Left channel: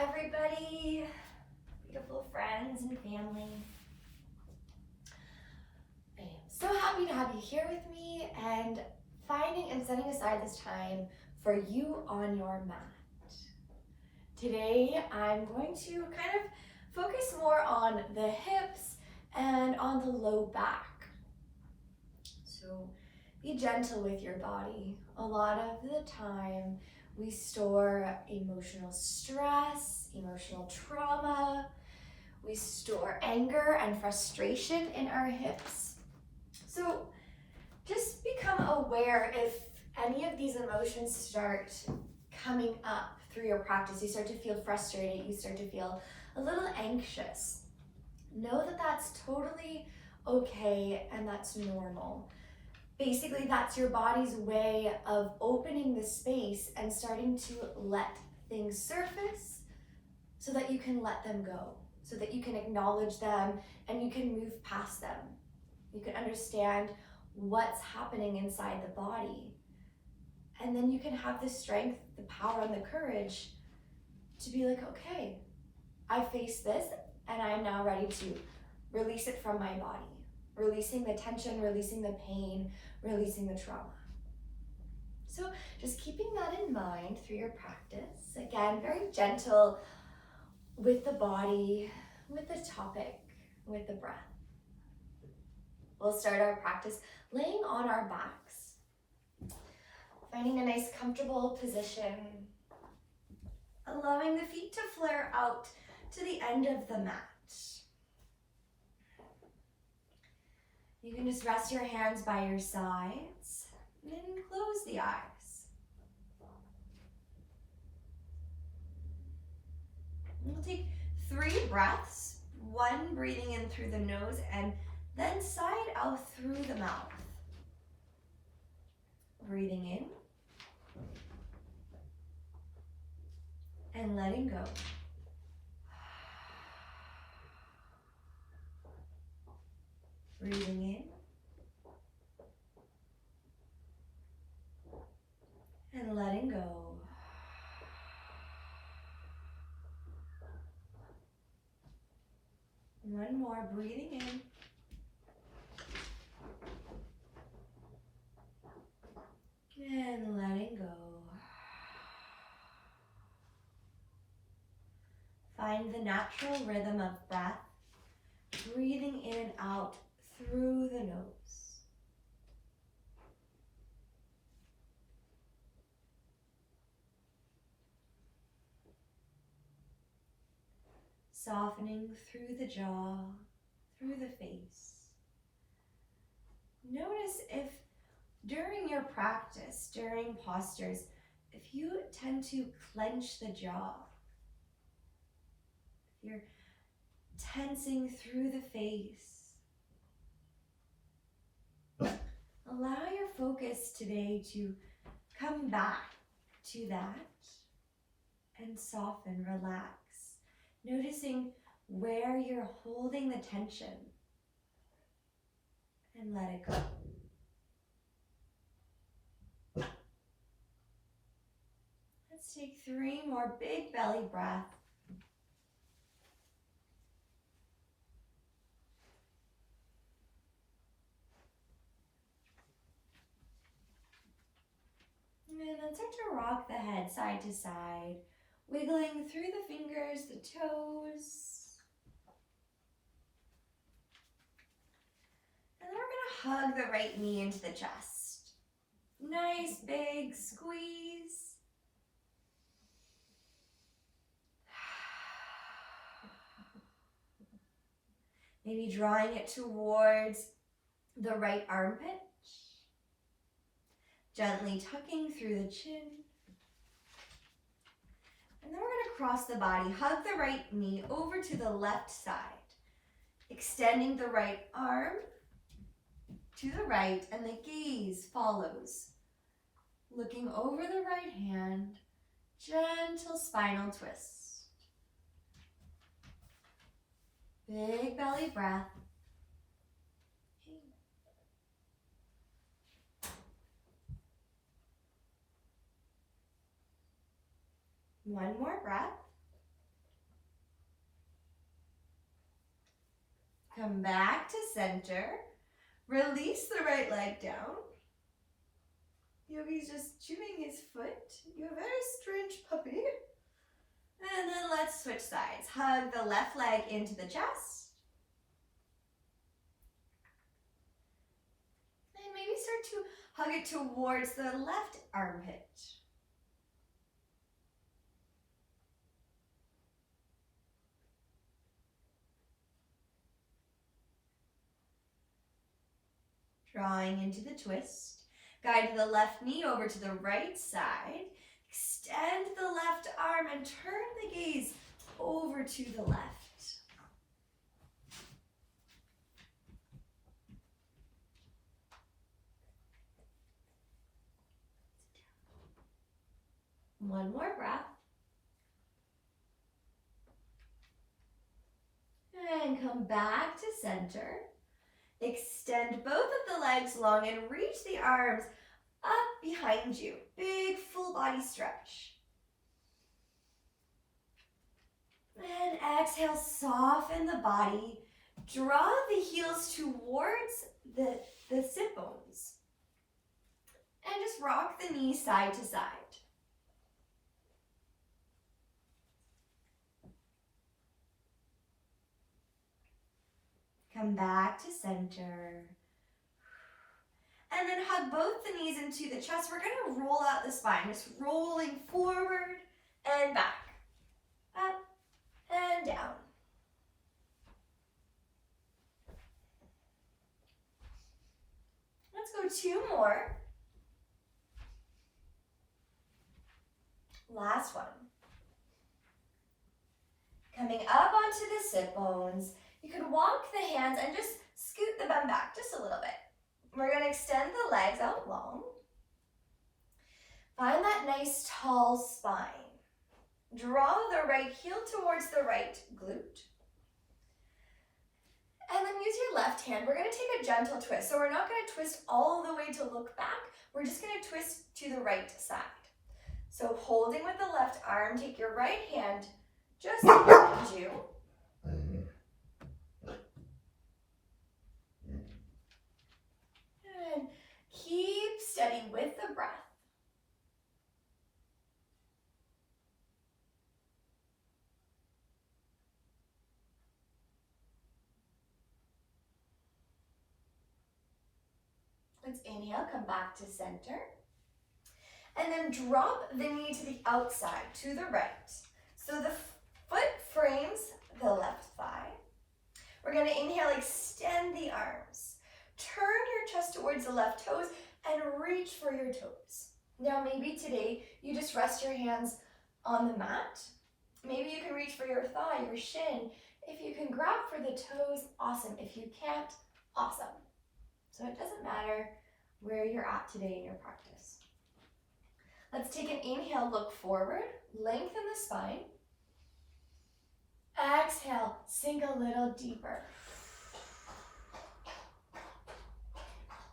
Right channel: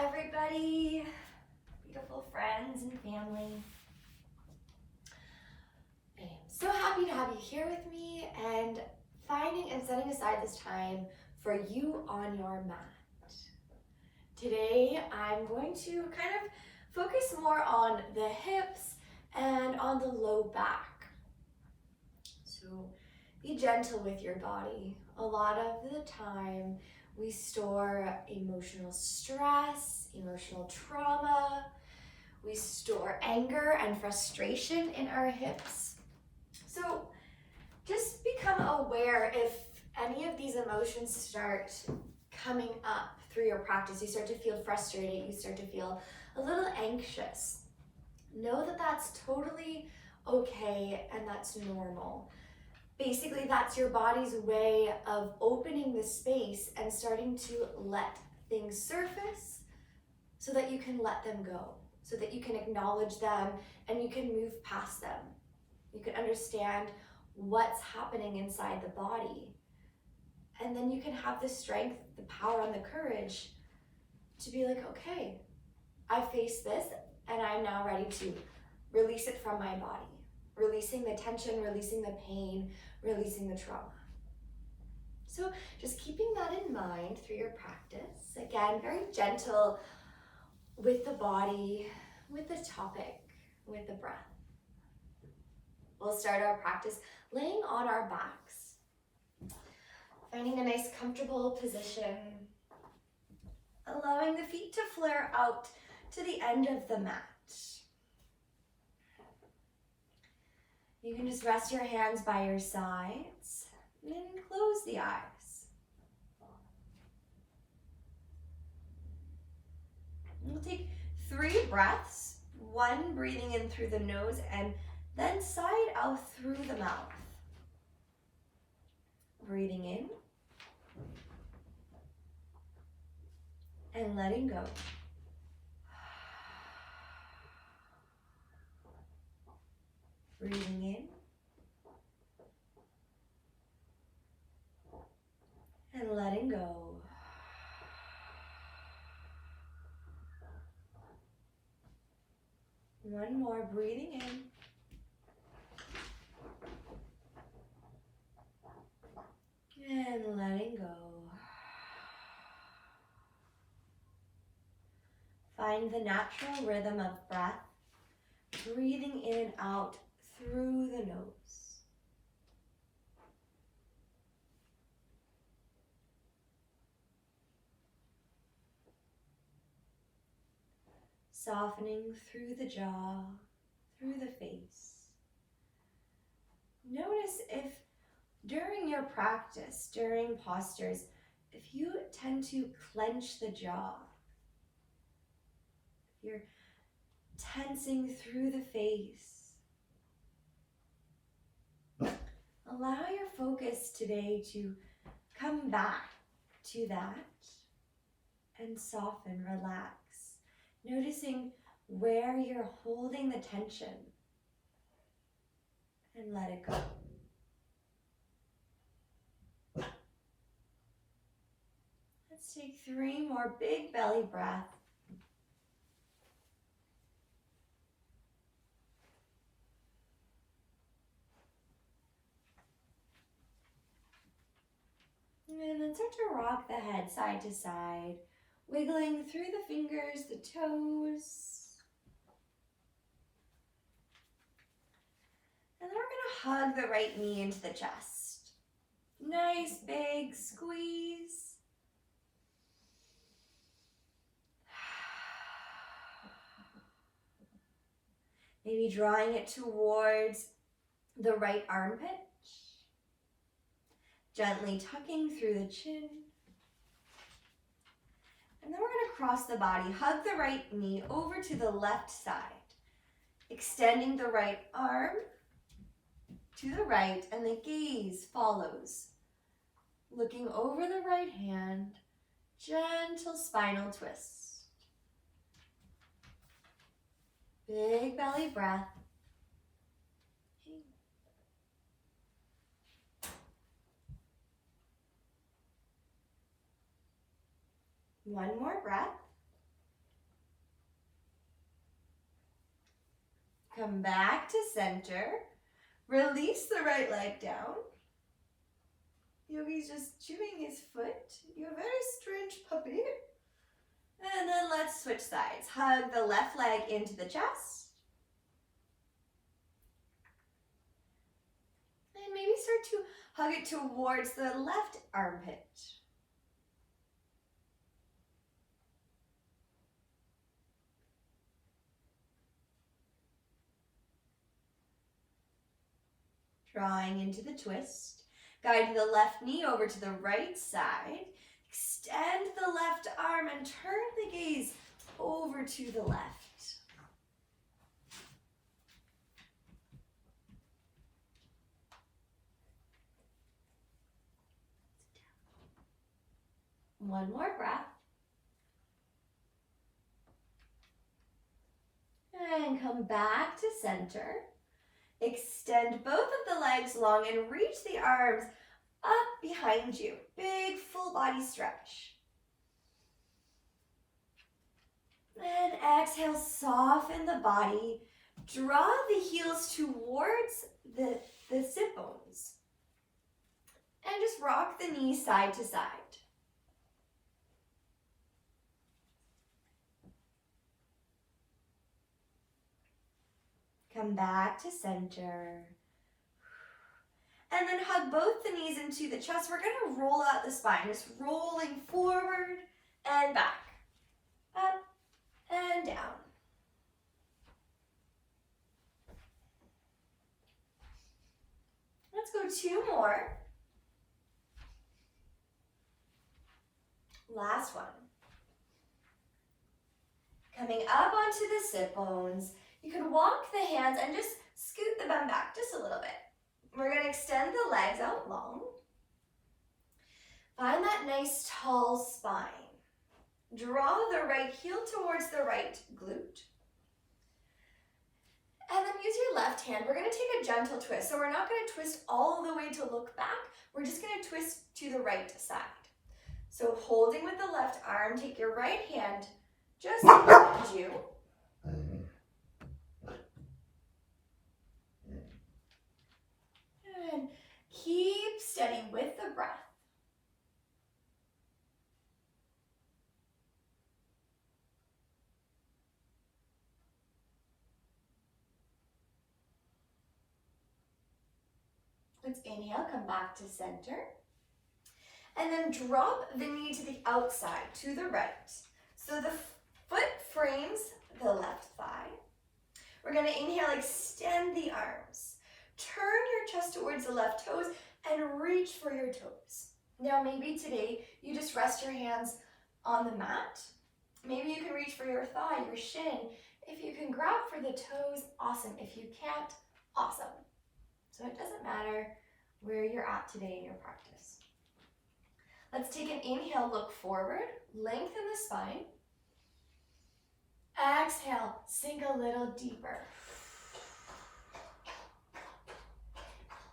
everybody, beautiful friends and family. I am so happy to have you here with me and finding and setting aside this time for you on your mat. Today, I'm going to kind of focus more on the hips and on the low back. So be gentle with your body. A lot of the time, we store emotional stress, emotional trauma. We store anger and frustration in our hips. So just become aware if any of these emotions start coming up through your practice. You start to feel frustrated, you start to feel a little anxious. Know that that's totally okay and that's normal. Basically, that's your body's way of opening the space and starting to let things surface so that you can let them go, so that you can acknowledge them and you can move past them. You can understand what's happening inside the body. And then you can have the strength, the power, and the courage to be like, okay, I face this and I'm now ready to release it from my body. Releasing the tension, releasing the pain, releasing the trauma. So just keeping that in mind through your practice. Again, very gentle with the body, with the topic, with the breath. We'll start our practice laying on our backs, finding a nice comfortable position, allowing the feet to flare out to the end of the mat. You can just rest your hands by your sides and close the eyes. We'll take 3 breaths, 1 breathing in through the nose and then side out through the mouth. Breathing in and letting go. Breathing in and letting go. One more, breathing in and letting go. Find the natural rhythm of breath, breathing in and out through the nose. Softening through the jaw, through the face. Notice if during your practice, during postures, if you tend to clench the jaw, if you're tensing through the face, allow your focus today to come back to that and soften, relax. Noticing where you're holding the tension and let it go. Let's take 3 more big belly breaths. And then start to rock the head side to side, wiggling through the fingers, the toes. And then we're gonna hug the right knee into the chest. Nice big squeeze. Maybe drawing it towards the right armpit. Gently tucking through the chin. And then we're going to cross the body. Hug the right knee over to the left side. Extending the right arm to the right, and the gaze follows. Looking over the right hand, gentle spinal twist. Big belly breath. One more breath. Come back to center. Release the right leg down. Yogi's just chewing his foot. You're a very strange puppy. And then let's switch sides. Hug the left leg into the chest. And maybe start to hug it towards the left armpit. Drawing into the twist. Guide the left knee over to the right side. Extend the left arm and turn the gaze over to the left. One more breath. And come back to center. Extend both of the legs long and reach the arms up behind you. Big full body stretch. And exhale, soften the body. Draw the heels towards the sit bones. And just rock the knees side to side. Come back to center. And then hug both the knees into the chest. We're going to roll out the spine, just rolling forward and back, up and down. Let's go 2 more. Last one. Coming up onto the sit bones, you can walk the hands and just scoot the bum back just a little bit. We're going to extend the legs out long. Find that nice tall spine. Draw the right heel towards the right glute. And then use your left hand. We're going to take a gentle twist. So we're not going to twist all the way to look back. We're just going to twist to the right side. So holding with the left arm, take your right hand just behind you. And keep steady with the breath. Let's inhale, come back to center. And then drop the knee to the outside, to the right. So the foot frames the left thigh. We're going to inhale, extend the arms. Turn your chest towards the left toes and reach for your toes. Now maybe today you just rest your hands on the mat. Maybe you can reach for your thigh, your shin. If you can grab for the toes, awesome. If you can't, awesome. So it doesn't matter where you're at today in your practice. Let's take an inhale, look forward, lengthen the spine. Exhale, sink a little deeper.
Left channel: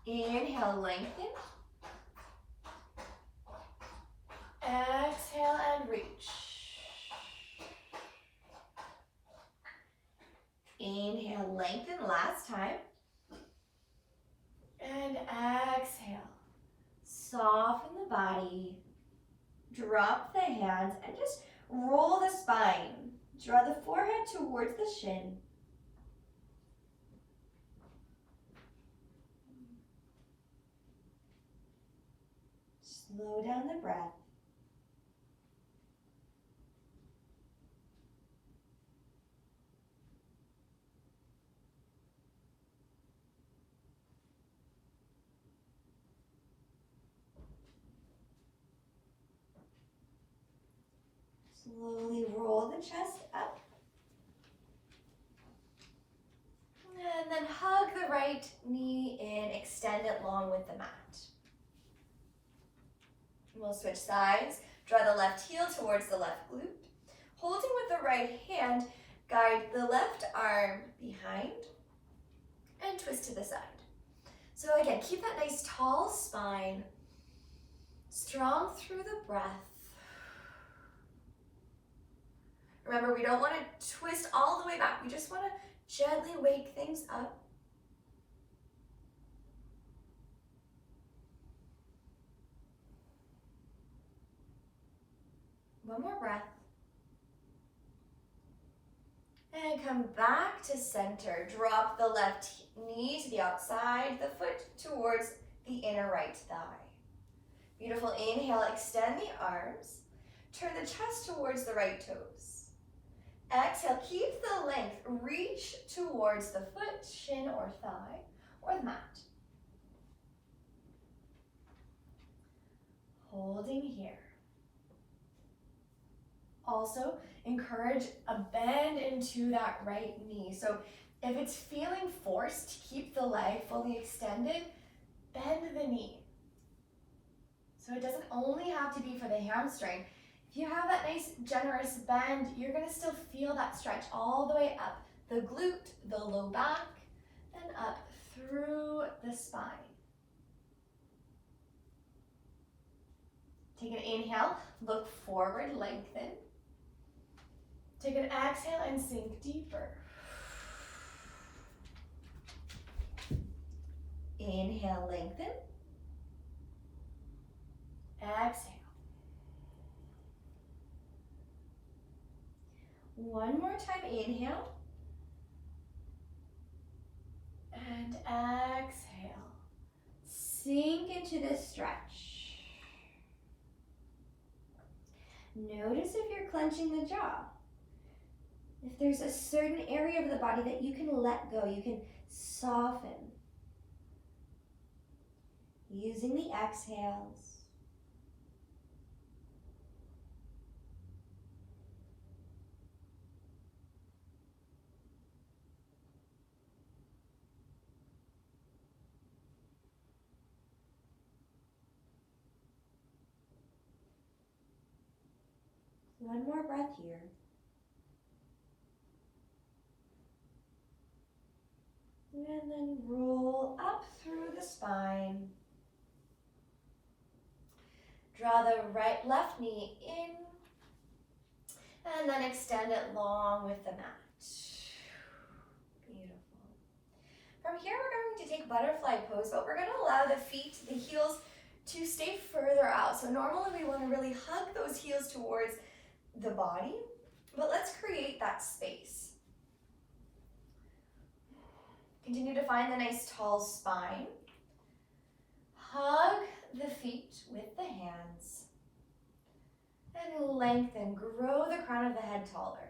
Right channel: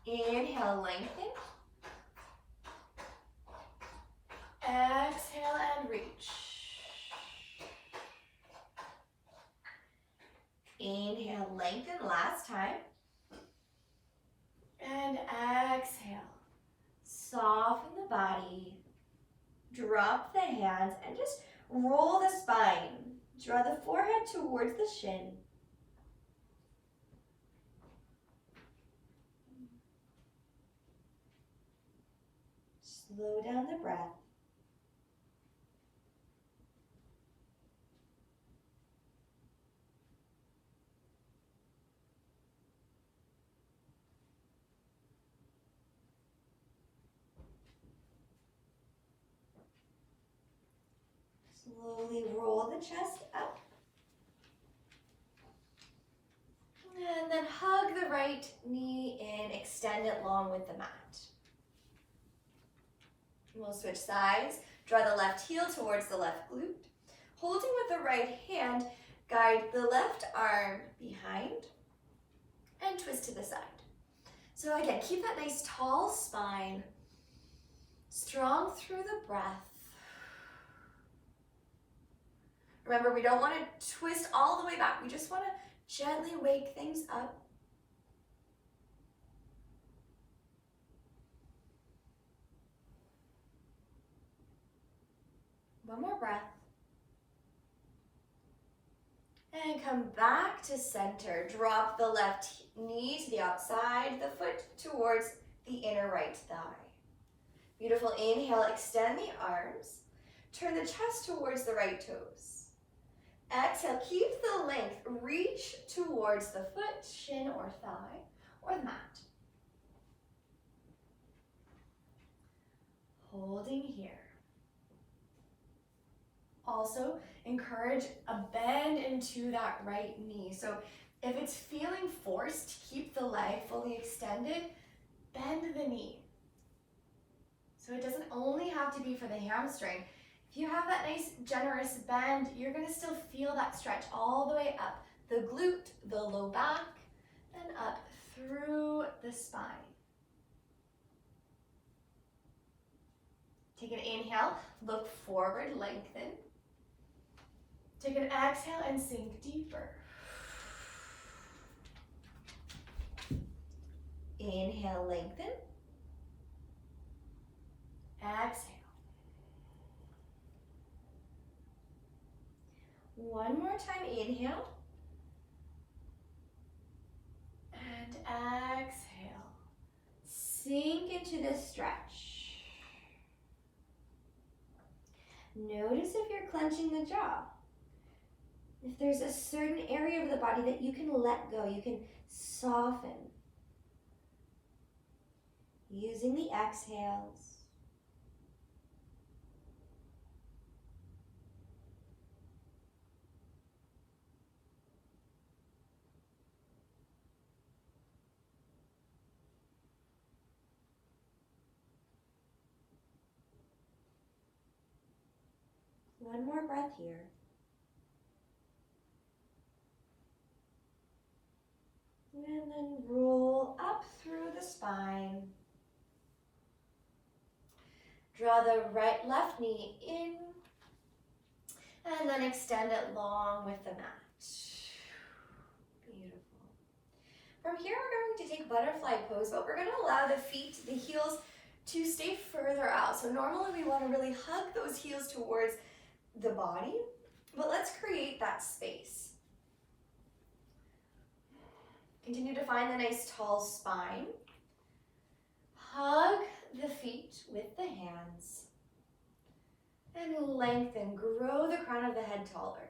Inhale, lengthen. Exhale and reach. Inhale, lengthen, last time. And exhale. Soften the body. Drop the hands and just roll the spine. Draw the forehead towards the shin. Slow down the breath. Slowly roll the chest up. And then hug the right knee in, extend it long with the mat. We'll switch sides. Draw the left heel towards the left glute. Holding with the right hand, guide the left arm behind and twist to the side. So again, keep that nice tall spine, strong through the breath. Remember, we don't want to twist all the way back. We just want to Gently wake things up. One more breath. And come back to center. Drop the left knee to the outside, the foot towards the inner right thigh. Beautiful. Inhale, extend the arms. Turn the chest towards the right toes. Exhale, keep the length. Reach towards the foot, shin or thigh, or the mat. Holding here. Also, encourage a bend into that right knee. So if it's feeling forced to keep the leg fully extended, bend the knee. So it doesn't only have to be for the hamstring. If you have that nice generous bend, you're gonna still feel that stretch all the way up the glute, the low back, and up through the spine. Take an inhale, look forward, lengthen. Take an exhale and sink deeper. Inhale, lengthen. Exhale. One more time, inhale. And exhale. Sink into this stretch. Notice if you're clenching the jaw. If there's a certain area of the body that you can let go, you can soften. Using the exhales. One more breath here. And then roll up through the spine. Draw the left knee in. And then extend it long with the mat. Beautiful. From here, we're going to take butterfly pose, but we're going to allow the feet, the heels, to stay further out. So normally we want to really hug those heels towards the body, but let's create that space. Continue to find the nice tall spine. Hug the feet with the hands. And lengthen, grow the crown of the head taller.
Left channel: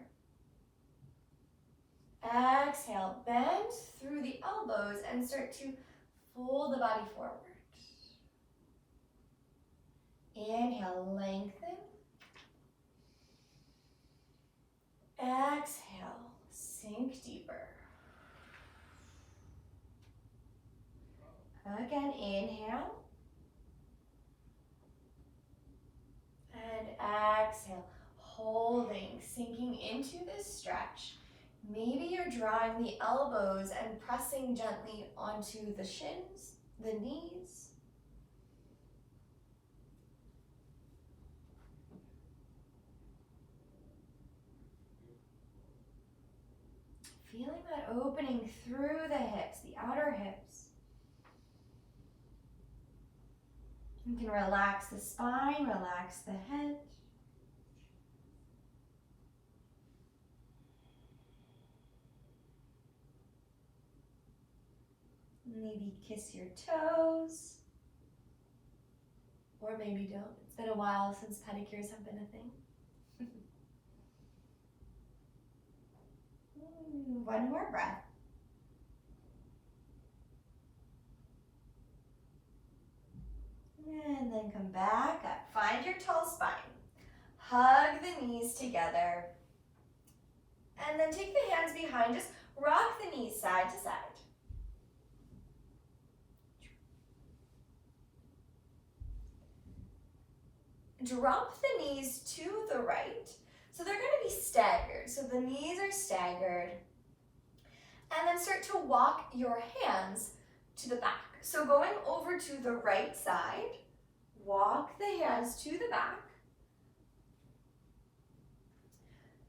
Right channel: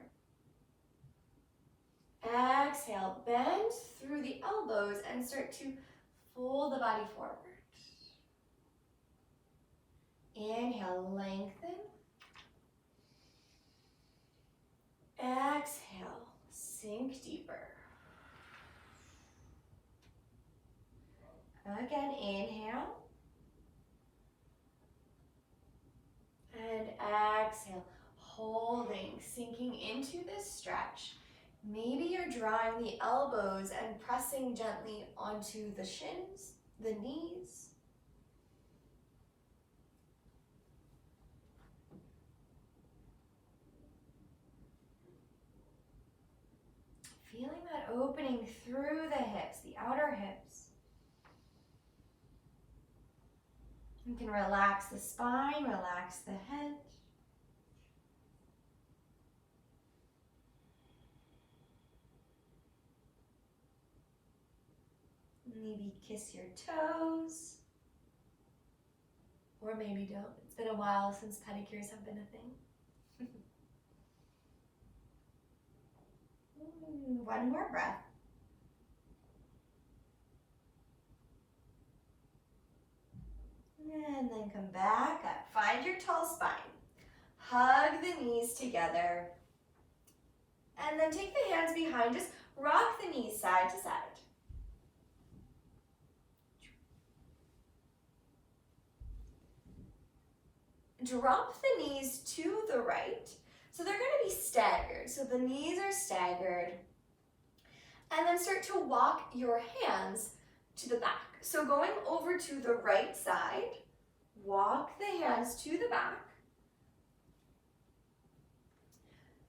Exhale, bend through the elbows and start to fold the body forward. Inhale, lengthen. Exhale, sink deeper. Again, inhale. And exhale, holding, sinking into this stretch. Maybe you're drawing the elbows and pressing gently onto the shins, the knees. Feeling that opening through the hips, the outer hips. You can relax the spine, relax the head. Maybe kiss your toes. Or maybe don't. It's been a while since pedicures have been a thing. One more breath. And then come back up. Find your tall spine. Hug the knees together. And then take the hands behind. Just rock the knees side to side. Drop the knees to the right. So they're going to be staggered. So the knees are staggered. And then start to walk your hands to the back. So going over to the right side, walk the hands to the back.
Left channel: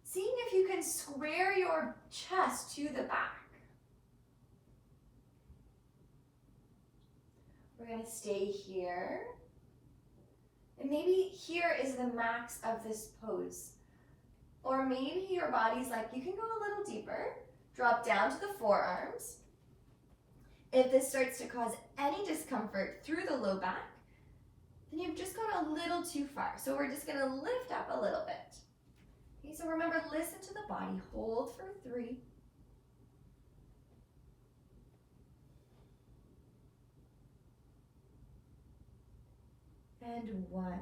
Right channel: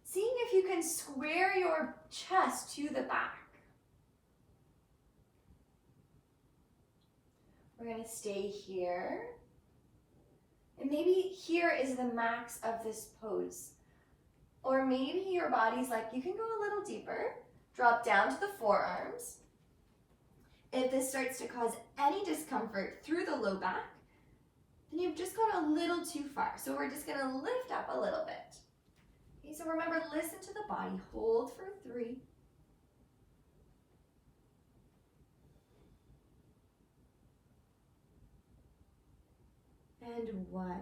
Seeing if you can square your chest to the back. We're going to stay here. And maybe here is the max of this pose. Or maybe your body's like, you can go a little deeper. Drop down to the forearms. If this starts to cause any discomfort through the low back, then you've just gone a little too far. So we're just going to lift up a little bit. Okay, so remember, listen to the body. Hold for 3. And 1.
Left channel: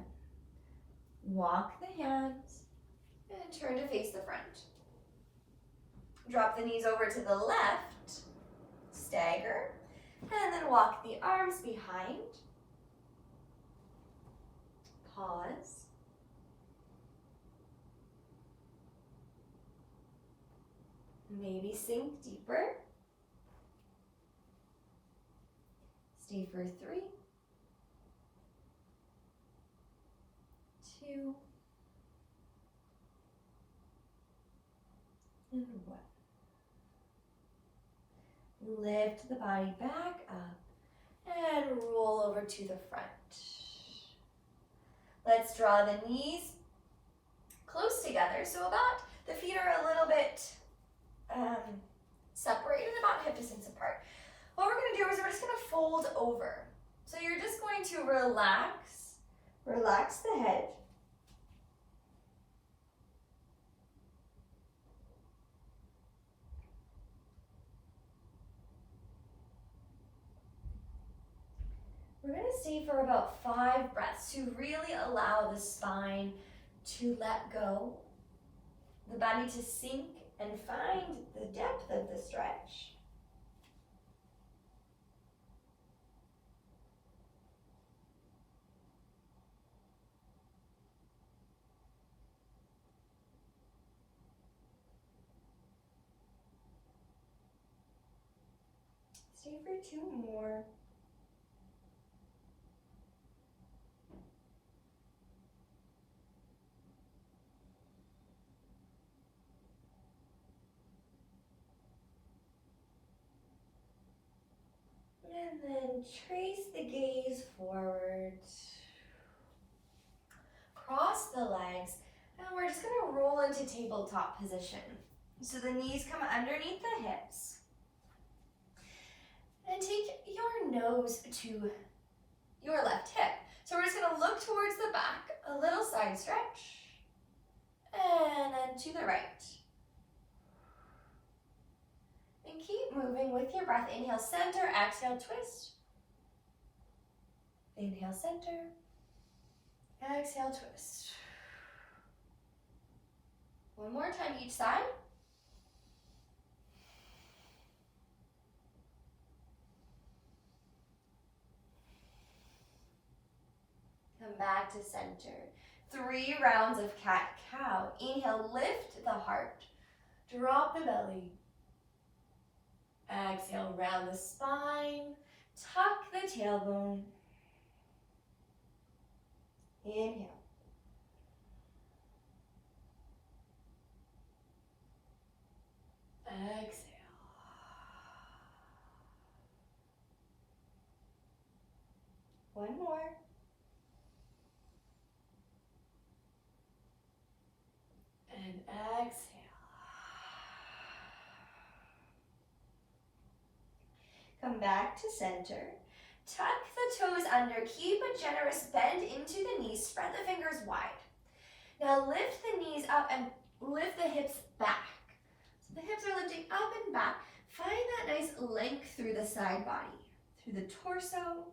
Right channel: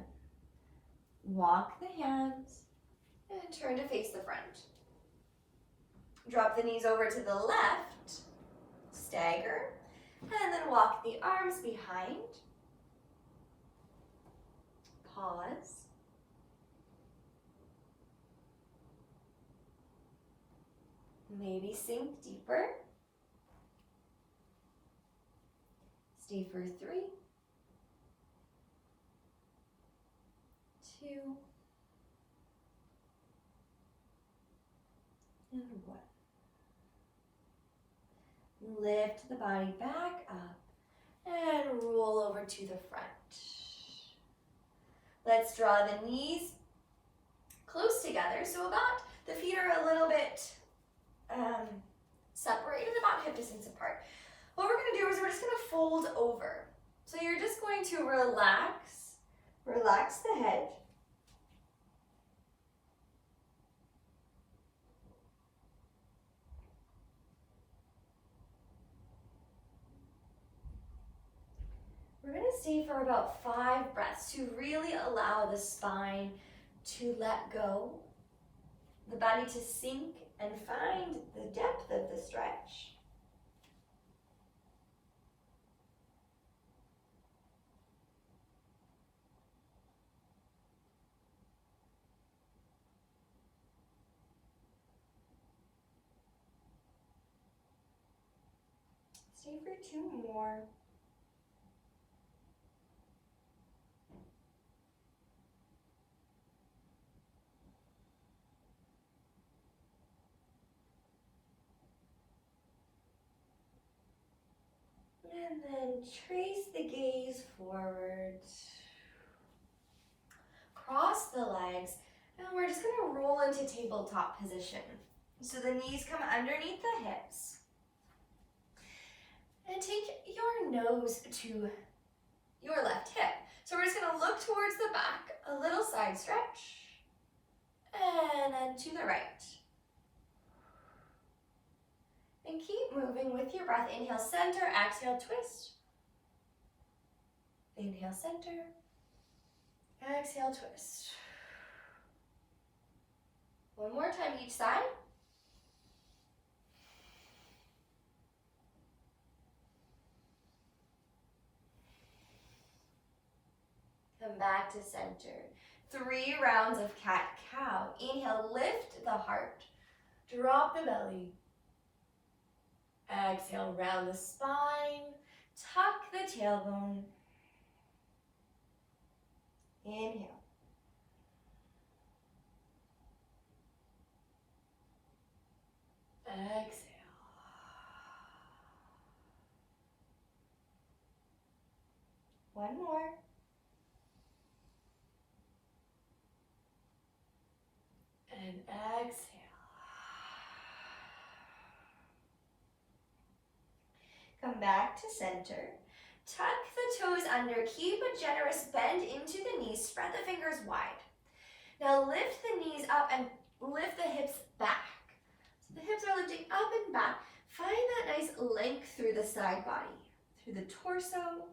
Walk the hands and turn to face the front. Drop the knees over to the left, stagger, and then walk the arms behind. Pause. Maybe sink deeper. Stay for 3, 2, and 1. Lift the body back up and roll over to the front. Let's draw the knees close together, so about the feet are a little bit separated, about hip distance apart. What we're going to do is we're just going to fold over. So you're just going to relax the head. We're going to stay for about 5 breaths to really allow the spine to let go, the body to sink and find the depth of the stretch. Stay for 2 more. And then trace the gaze forward. Cross the legs, and we're just going to roll into tabletop position. So the knees come underneath the hips. And take your nose to your left hip. So we're just going to look towards the back, a little side stretch, and then to the right. And keep moving with your breath. Inhale, center, exhale, twist. Inhale, center, exhale, twist. One more time each side. Come back to center. 3 rounds of cat-cow. Inhale, lift the heart. Drop the belly. Exhale, round the spine. Tuck the tailbone. Inhale. Exhale. One more. And exhale. Come back to center. Tuck the toes under. Keep a generous bend into the knees. Spread the fingers wide. Now lift the knees up and lift the hips back. So the hips are lifting up and back. Find that nice length through the side body, through the torso.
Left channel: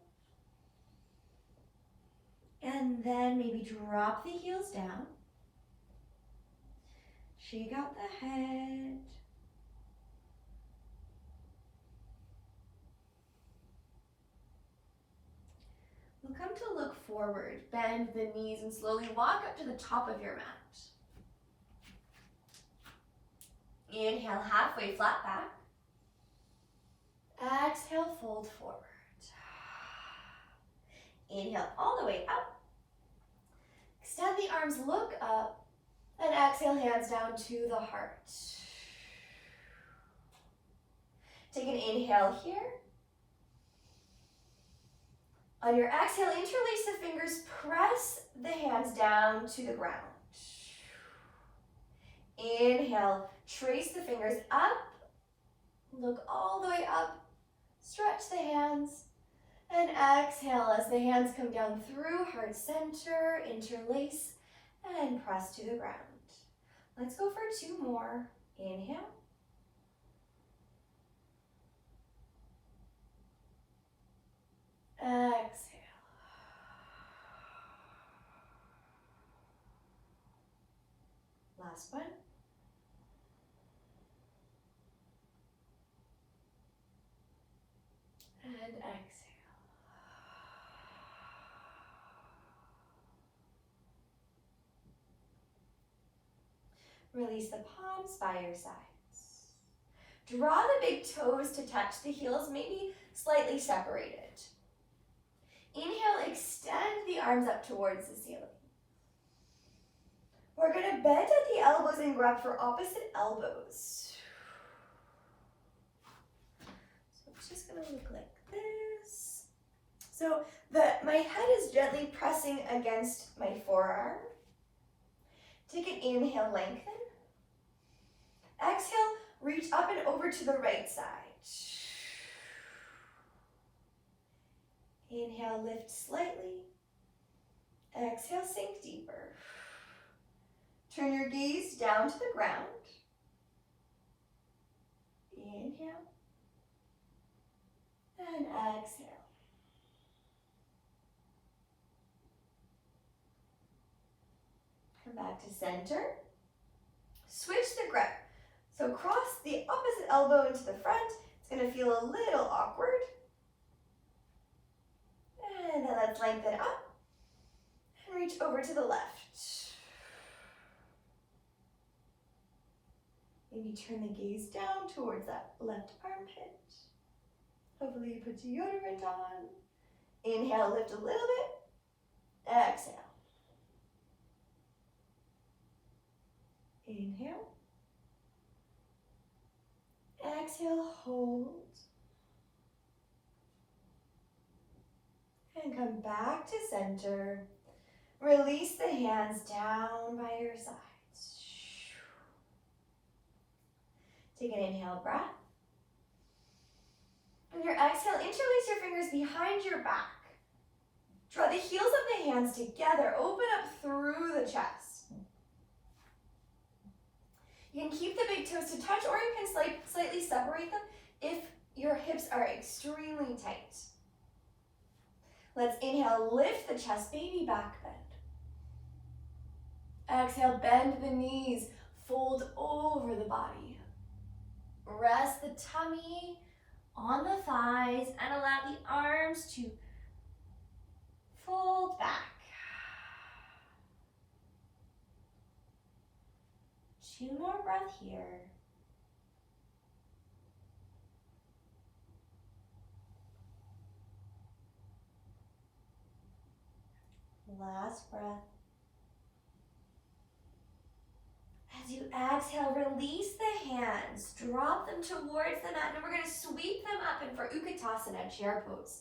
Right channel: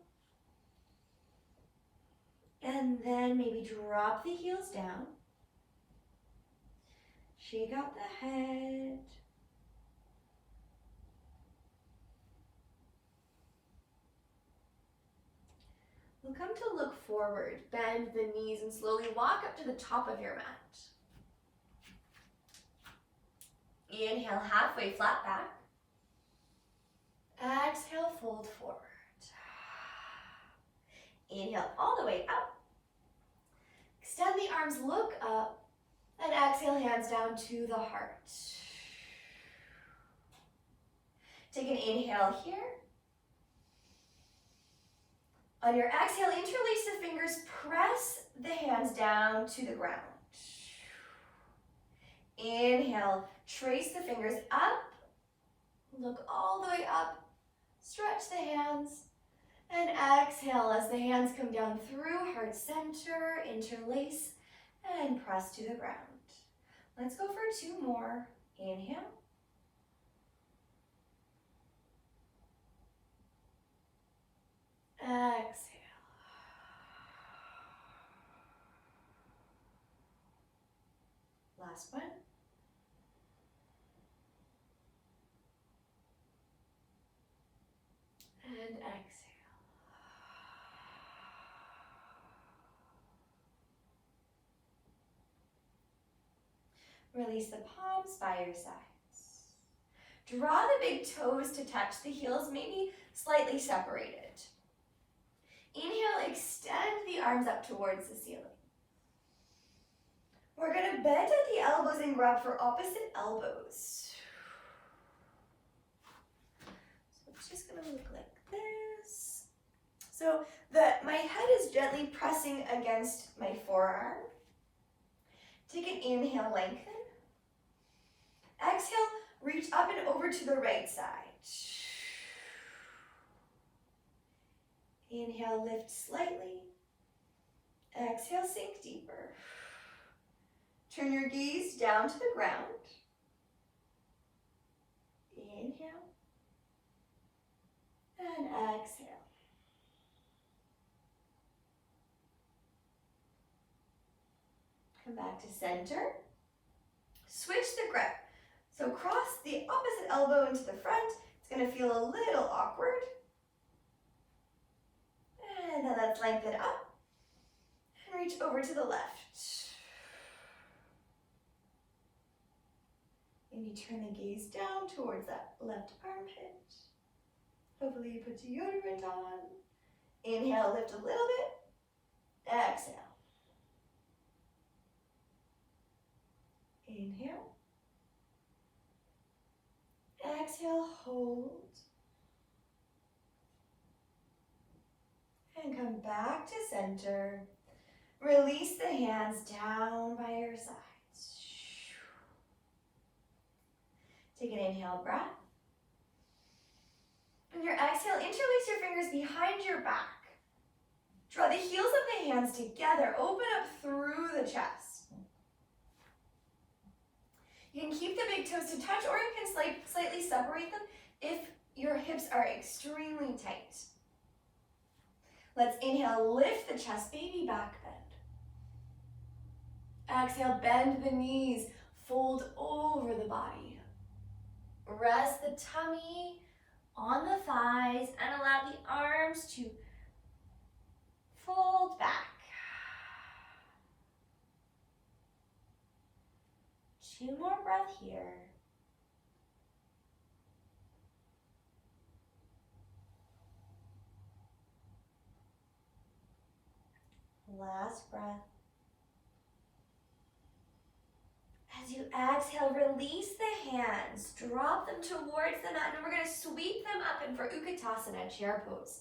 And then maybe drop the heels down. Shake out the head. We'll come to look forward. Bend the knees and slowly walk up to the top of your mat. Inhale, halfway flat back. Exhale, fold forward. Inhale all the way up. Extend the arms, look up. And exhale, hands down to the heart. Take an inhale here. On your exhale, interlace the fingers, press the hands down to the ground. Inhale, trace the fingers up, look all the way up, stretch the hands, and exhale as the hands come down through heart center, interlace, and press to the ground. Let's go for 2 more. Inhale. Exhale. Last one. And exhale. Release the palms by your sides. Draw the big toes to touch the heels, maybe slightly separated. Inhale, extend the arms up towards the ceiling. We're going to bend at the elbows and grab for opposite elbows. So it's just going to look like this. So my head is gently pressing against my forearm. Take an inhale, lengthen. Exhale, reach up and over to the right side. Inhale, lift slightly. Exhale, sink deeper. Turn your gaze down to the ground. Inhale. And exhale. Come back to center. Switch the grip. So cross the opposite elbow into the front. It's going to feel a little awkward. And then let's lengthen up and reach over to the left. Maybe turn the gaze down towards that left armpit. Hopefully you put deodorant on. Inhale, lift a little bit. Exhale. Inhale. Exhale, hold. And come back to center. Release the hands down by your sides. Take an inhale breath. On your exhale, interlace your fingers behind your back. Draw the heels of the hands together. Open up through the chest. You can keep the big toes to touch, or you can slightly separate them if your hips are extremely tight. Let's inhale, lift the chest, baby back bend. Exhale, bend the knees, fold over the body. Rest the tummy on the thighs and allow the arms to fold back. 2 more breaths here. Last breath. As you exhale, release the hands. Drop them towards the mat, and we're going to sweep them up in for Utkatasana, chair pose.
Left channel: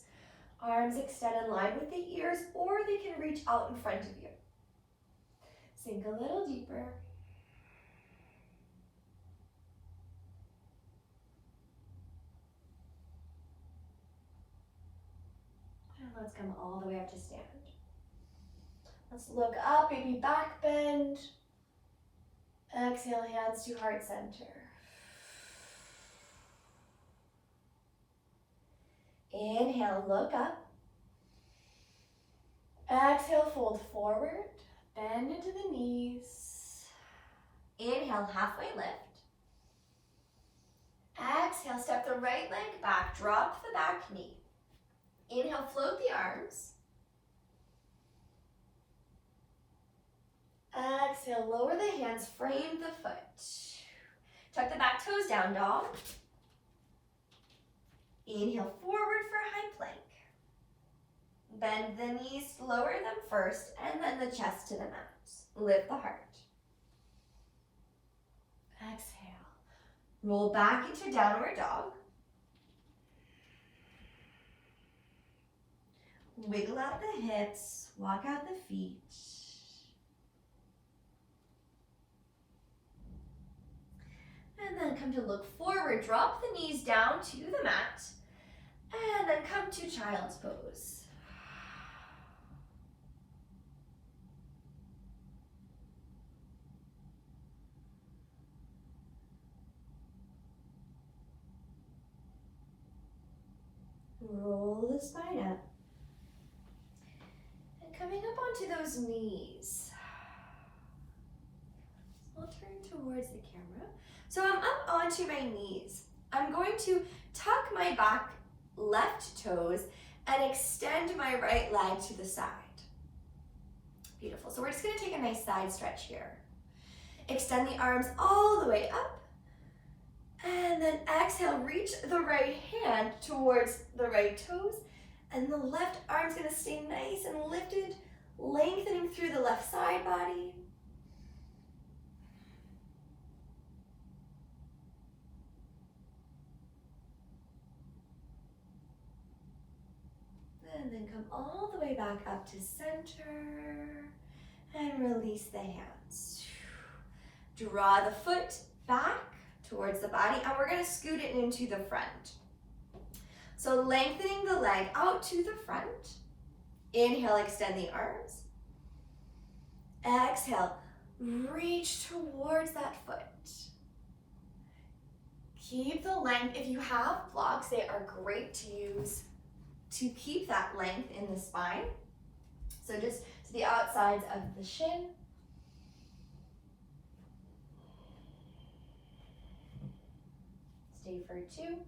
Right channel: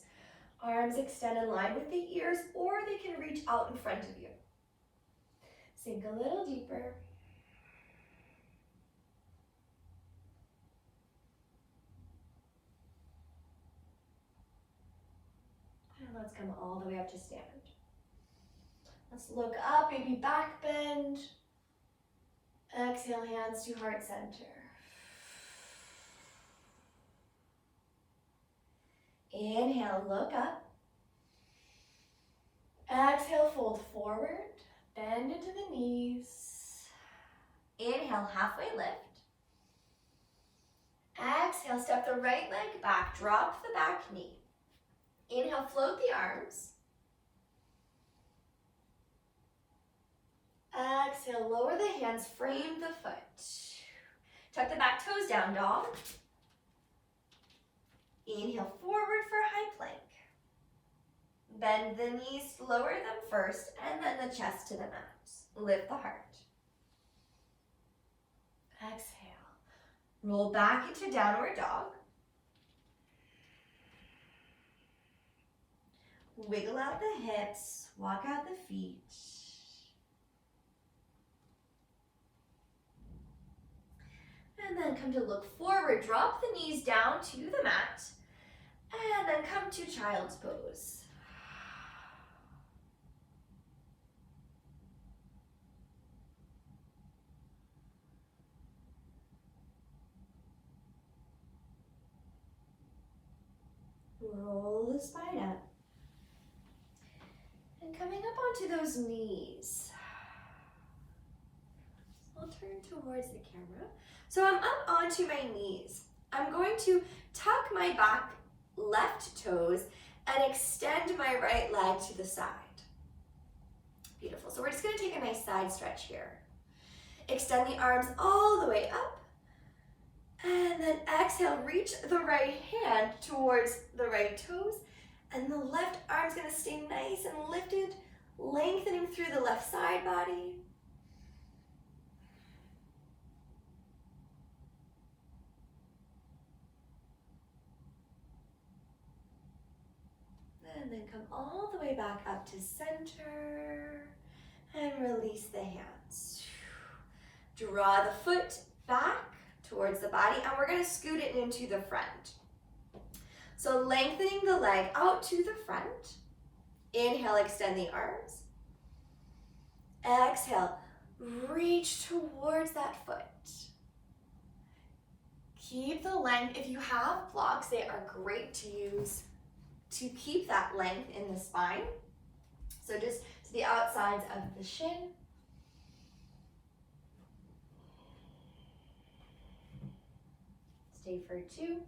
Arms extend in line with the ears, or they can reach out in front of you. Sink a little deeper. And let's come all the way up to stand. Let's look up, baby back bend. Exhale, hands to heart center. Inhale, look up. Exhale, fold forward, bend into the knees. Inhale, halfway lift. Exhale, step the right leg back, drop the back knee. Inhale, float the arms. Exhale, lower the hands, frame the foot. Tuck the back toes down, dog. Inhale, forward for high plank. Bend the knees, lower them first, and then the chest to the mat. Lift the heart. Exhale. Roll back into downward dog. Wiggle out the hips, walk out the feet. And then come to look forward. Drop the knees down to the mat. And then come to child's pose. Roll the spine up. And coming up onto those knees. I'll turn towards the camera. So I'm up onto my knees. I'm going to tuck my back left toes and extend my right leg to the side. Beautiful. So we're just going to take a nice side stretch here. Extend the arms all the way up. And then exhale, reach the right hand towards the right toes. And the left arm's going to stay nice and lifted, lengthening through the left side body. And then come all the way back up to center and release the hands. Draw the foot back towards the body and we're going to scoot it into the front. So lengthening the leg out to the front. Inhale, extend the arms. Exhale, reach towards that foot. Keep the length. If you have blocks, they are great to use to keep that length in the spine. So just to the outsides of the shin. Stay for 2.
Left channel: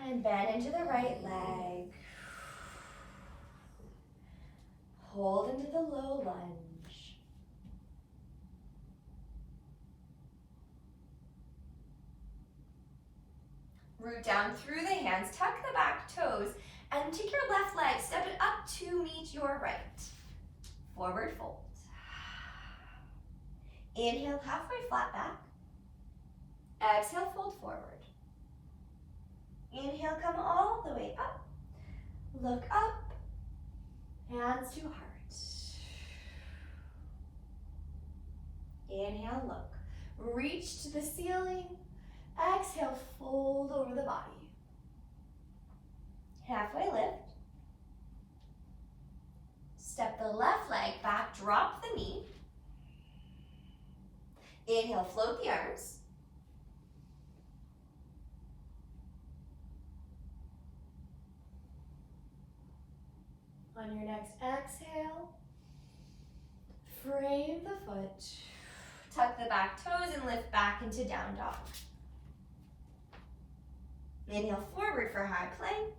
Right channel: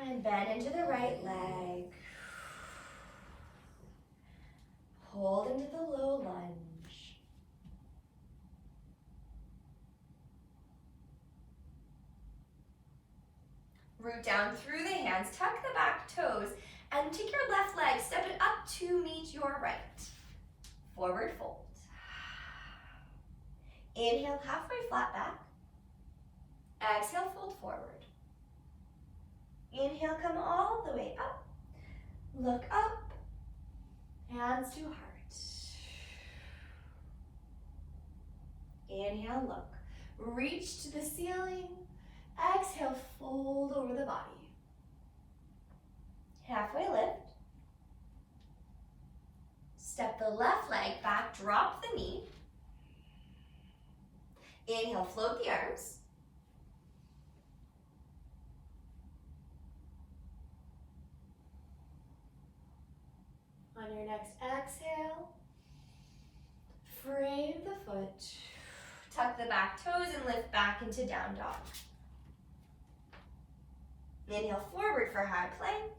And bend into the right leg. Hold into the low lunge. Root down through the hands, tuck the back toes, and take your left leg, step it up to meet your right. Forward fold. Inhale, halfway flat back. Exhale, fold forward. Inhale, come all the way up. Look up. Hands to heart. Inhale, look. Reach to the ceiling. Exhale, fold over the body. Halfway lift. Step the left leg back, drop the knee. Inhale, float the arms. On your next exhale, frame the foot. Tuck the back toes and lift back into down dog. Inhale forward for high plank,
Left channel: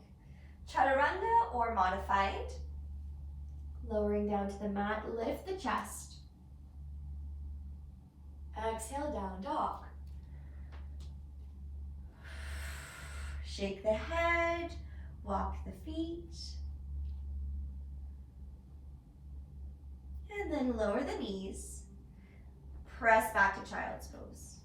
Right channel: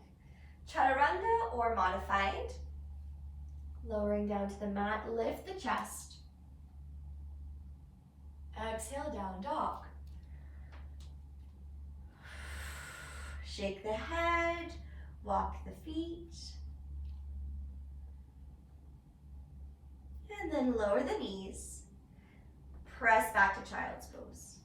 chaturanga or modified. Lowering down to the mat, lift the chest. Exhale, down dog. Shake the head, walk the feet. And then lower the knees. Press back to child's pose.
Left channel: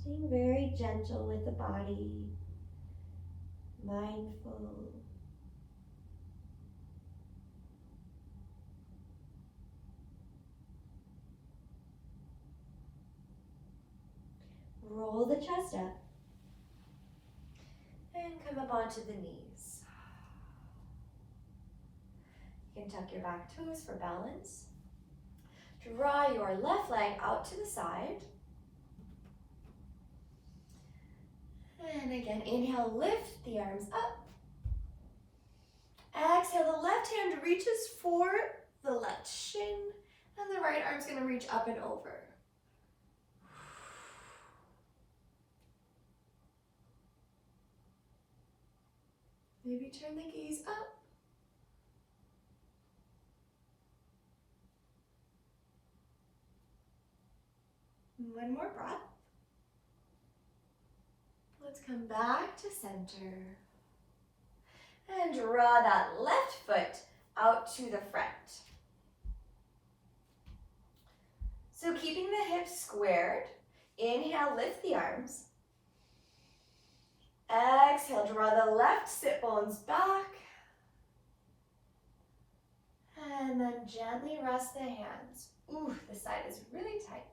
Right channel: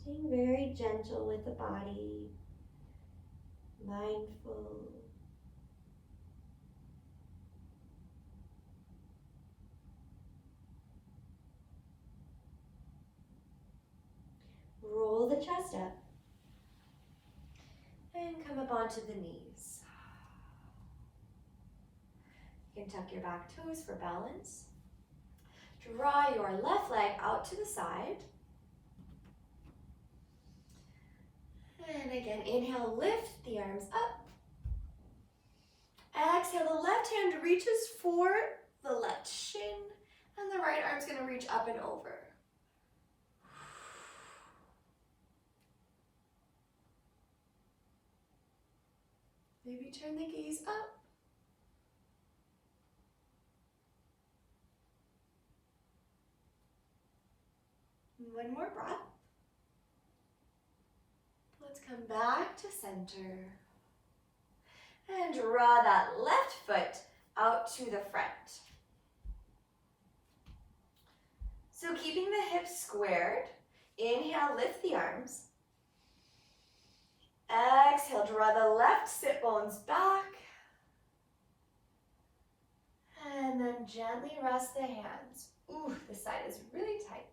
Staying very gentle with the body, mindful. Roll the chest up and come up onto the knees. You can tuck your back toes for balance. Draw your left leg out to the side. And again, inhale, lift the arms up. Exhale, the left hand reaches for the left shin, and the right arm's gonna reach up and over. Maybe turn the gaze up. One more breath. Let's come back to center. And draw that left foot out to the front. So keeping the hips squared, inhale, lift the arms. Exhale, draw the left sit bones back. And then gently rest the hands. Ooh, this side is really tight.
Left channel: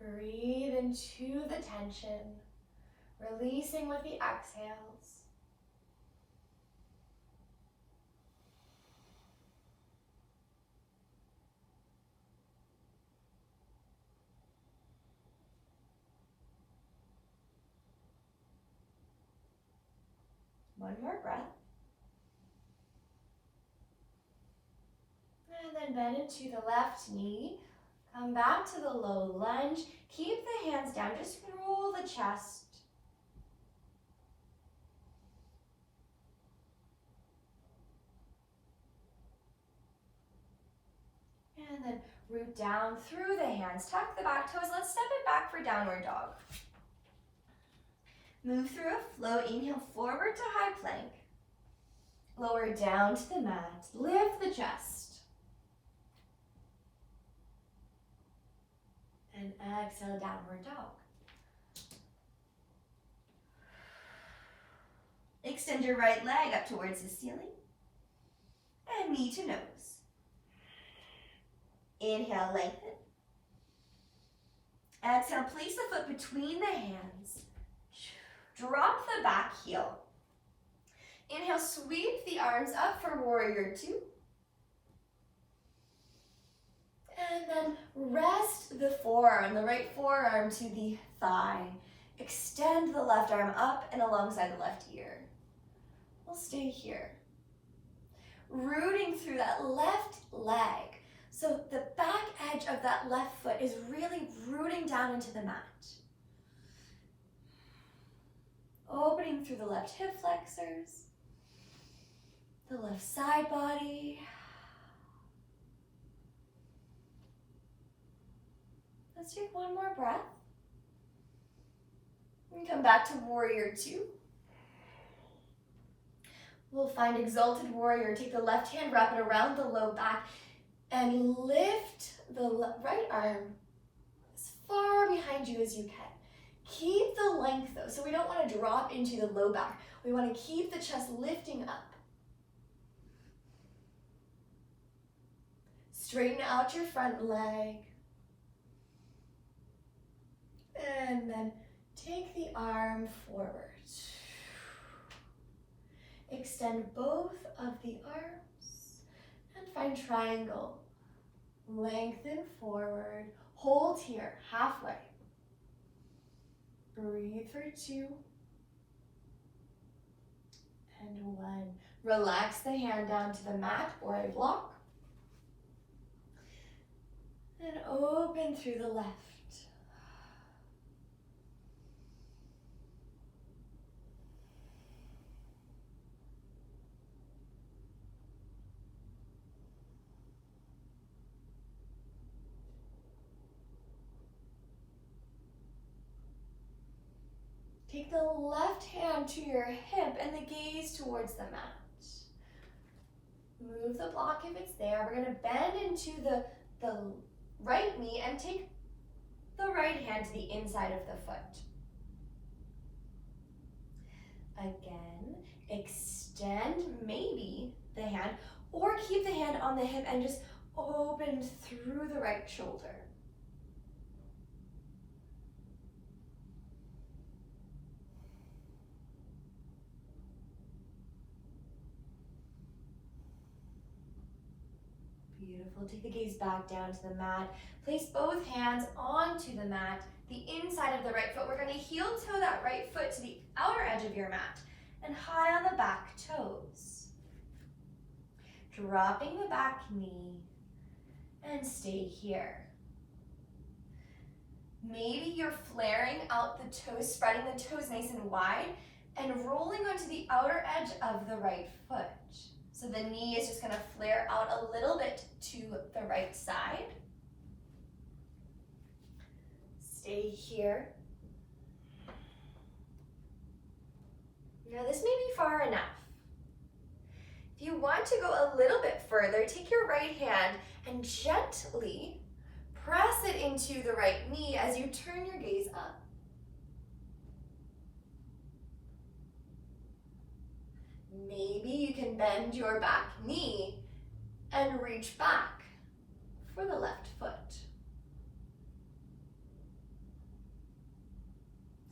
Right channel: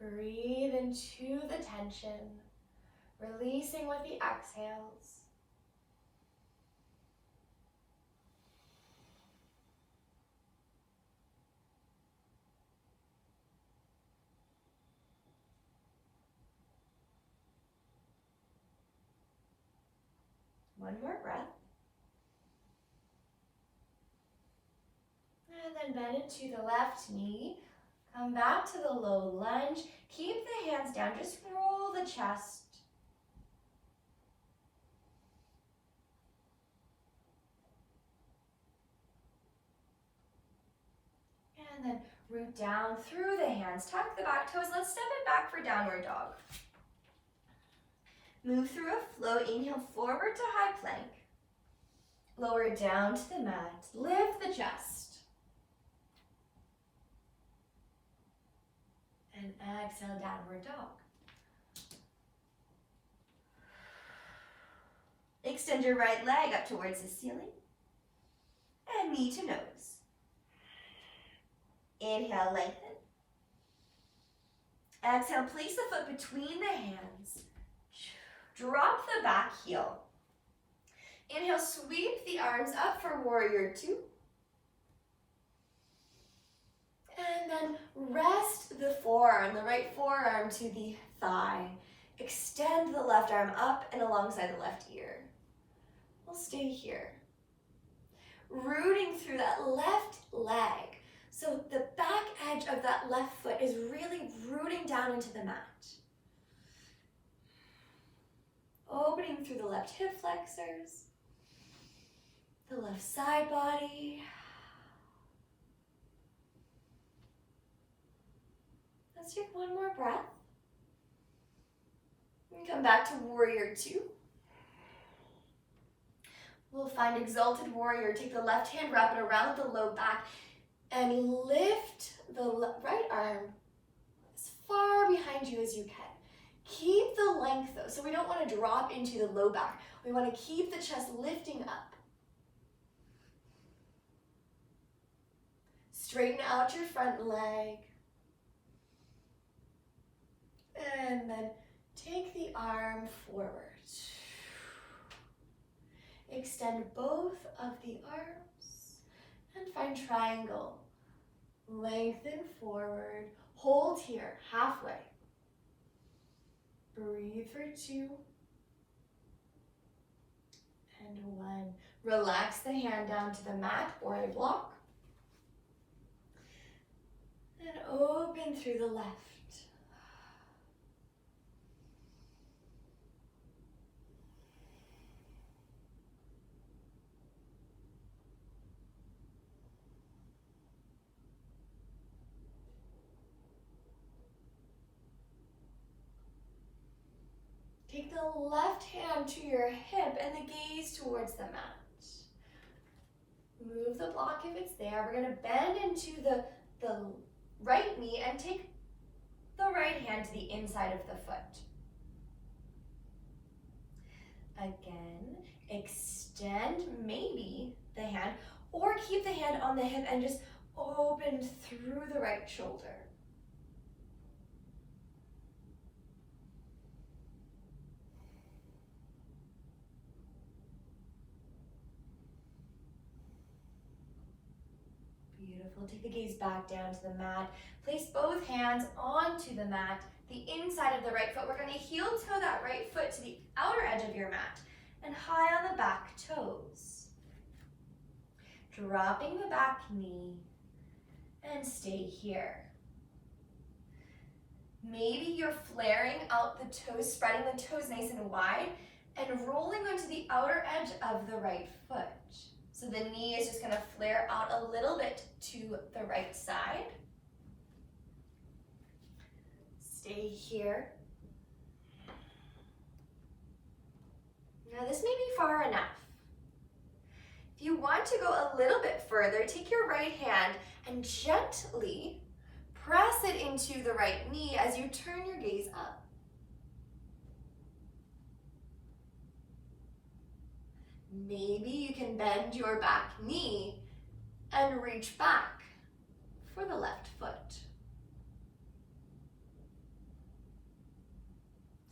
Breathe into the tension, releasing with the exhales. One more breath. And then bend into the left knee. Come back to the low lunge. Keep the hands down. Just roll the chest. And then root down through the hands. Tuck the back toes. Let's step it back for downward dog. Move through a flow. Inhale forward to high plank. Lower down to the mat. Lift the chest. And exhale, downward dog. Extend your right leg up towards the ceiling. And knee to nose. Inhale, lengthen. Exhale, place the foot between the hands. Drop the back heel. Inhale, sweep the arms up for warrior two. And then rest the forearm, the right forearm to the thigh. Extend the left arm up and alongside the left ear. We'll stay here. Rooting through that left leg. So the back edge of that left foot is really rooting down into the mat. Opening through the left hip flexors, the left side body. Let's take one more breath. And come back to warrior two. We'll find exalted warrior. Take the left hand, wrap it around the low back, and lift the right arm as far behind you as you can. Keep the length though, so we don't want to drop into the low back. We want to keep the chest lifting up. Straighten out your front leg. And then take the arm forward. Extend both of the arms and find triangle. Lengthen forward. Hold here, halfway. Breathe for two. And one. Relax the hand down to the mat or a block. And open through the left. Take the left hand to your hip and the gaze towards the mat. Move the block if it's there. We're going to bend into the right knee and take the right hand to the inside of the foot. Again, extend maybe the hand or keep the hand on the hip and just open through the right shoulder. Beautiful. Take the gaze back down to the mat. Place both hands onto the mat, the inside of the right foot. We're going to heel toe that right foot to the outer edge of your mat and high on the back toes. Dropping the back knee and stay here. Maybe you're flaring out the toes, spreading the toes nice and wide and rolling onto the outer edge of the right foot. So the knee is just going to flare out a little bit to the right side. Stay here. Now this may be far enough. If you want to go a little bit further, take your right hand and gently press it into the right knee as you turn your gaze up. Maybe you can bend your back knee and reach back for the left foot.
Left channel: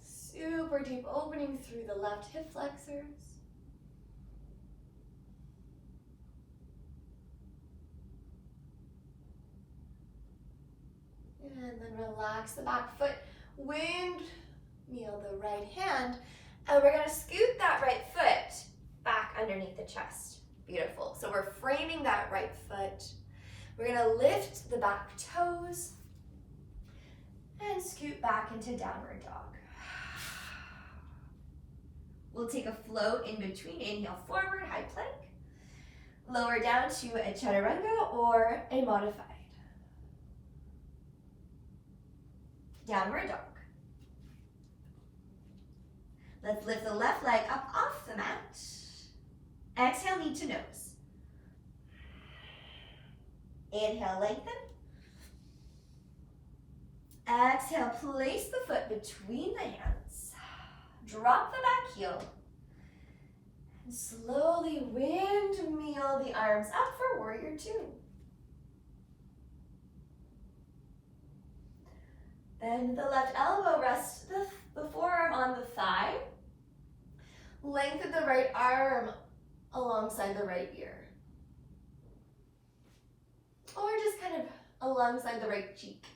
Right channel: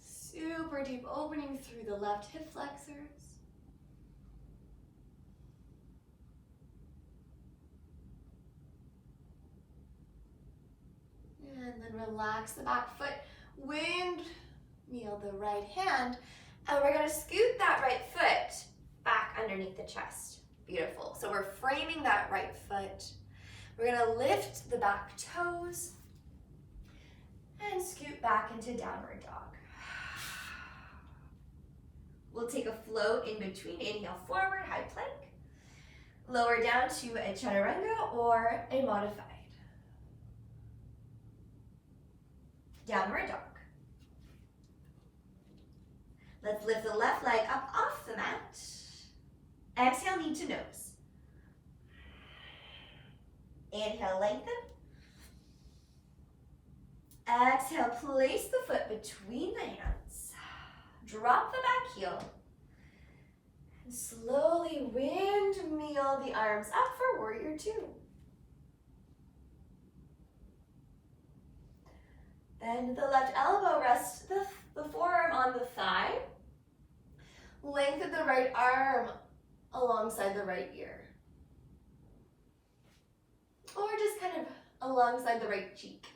Super deep opening through the left hip flexors. And then relax the back foot, windmill the right hand, and we're gonna scoot that right foot back underneath the chest. Beautiful. So we're framing that right foot. We're gonna lift the back toes and scoot back into downward dog. We'll take a float in between. Inhale forward, high plank. Lower down to a chaturanga or a modified. Downward dog. Let's lift the left leg up off the mat. Exhale, knee to nose. Inhale, lengthen. Exhale, place the foot between the hands. Drop the back heel. And slowly windmill the arms up for warrior two. Bend the left elbow, rest the forearm on the thigh. Lengthen the right arm alongside the right ear. Or just kind of alongside the right cheek.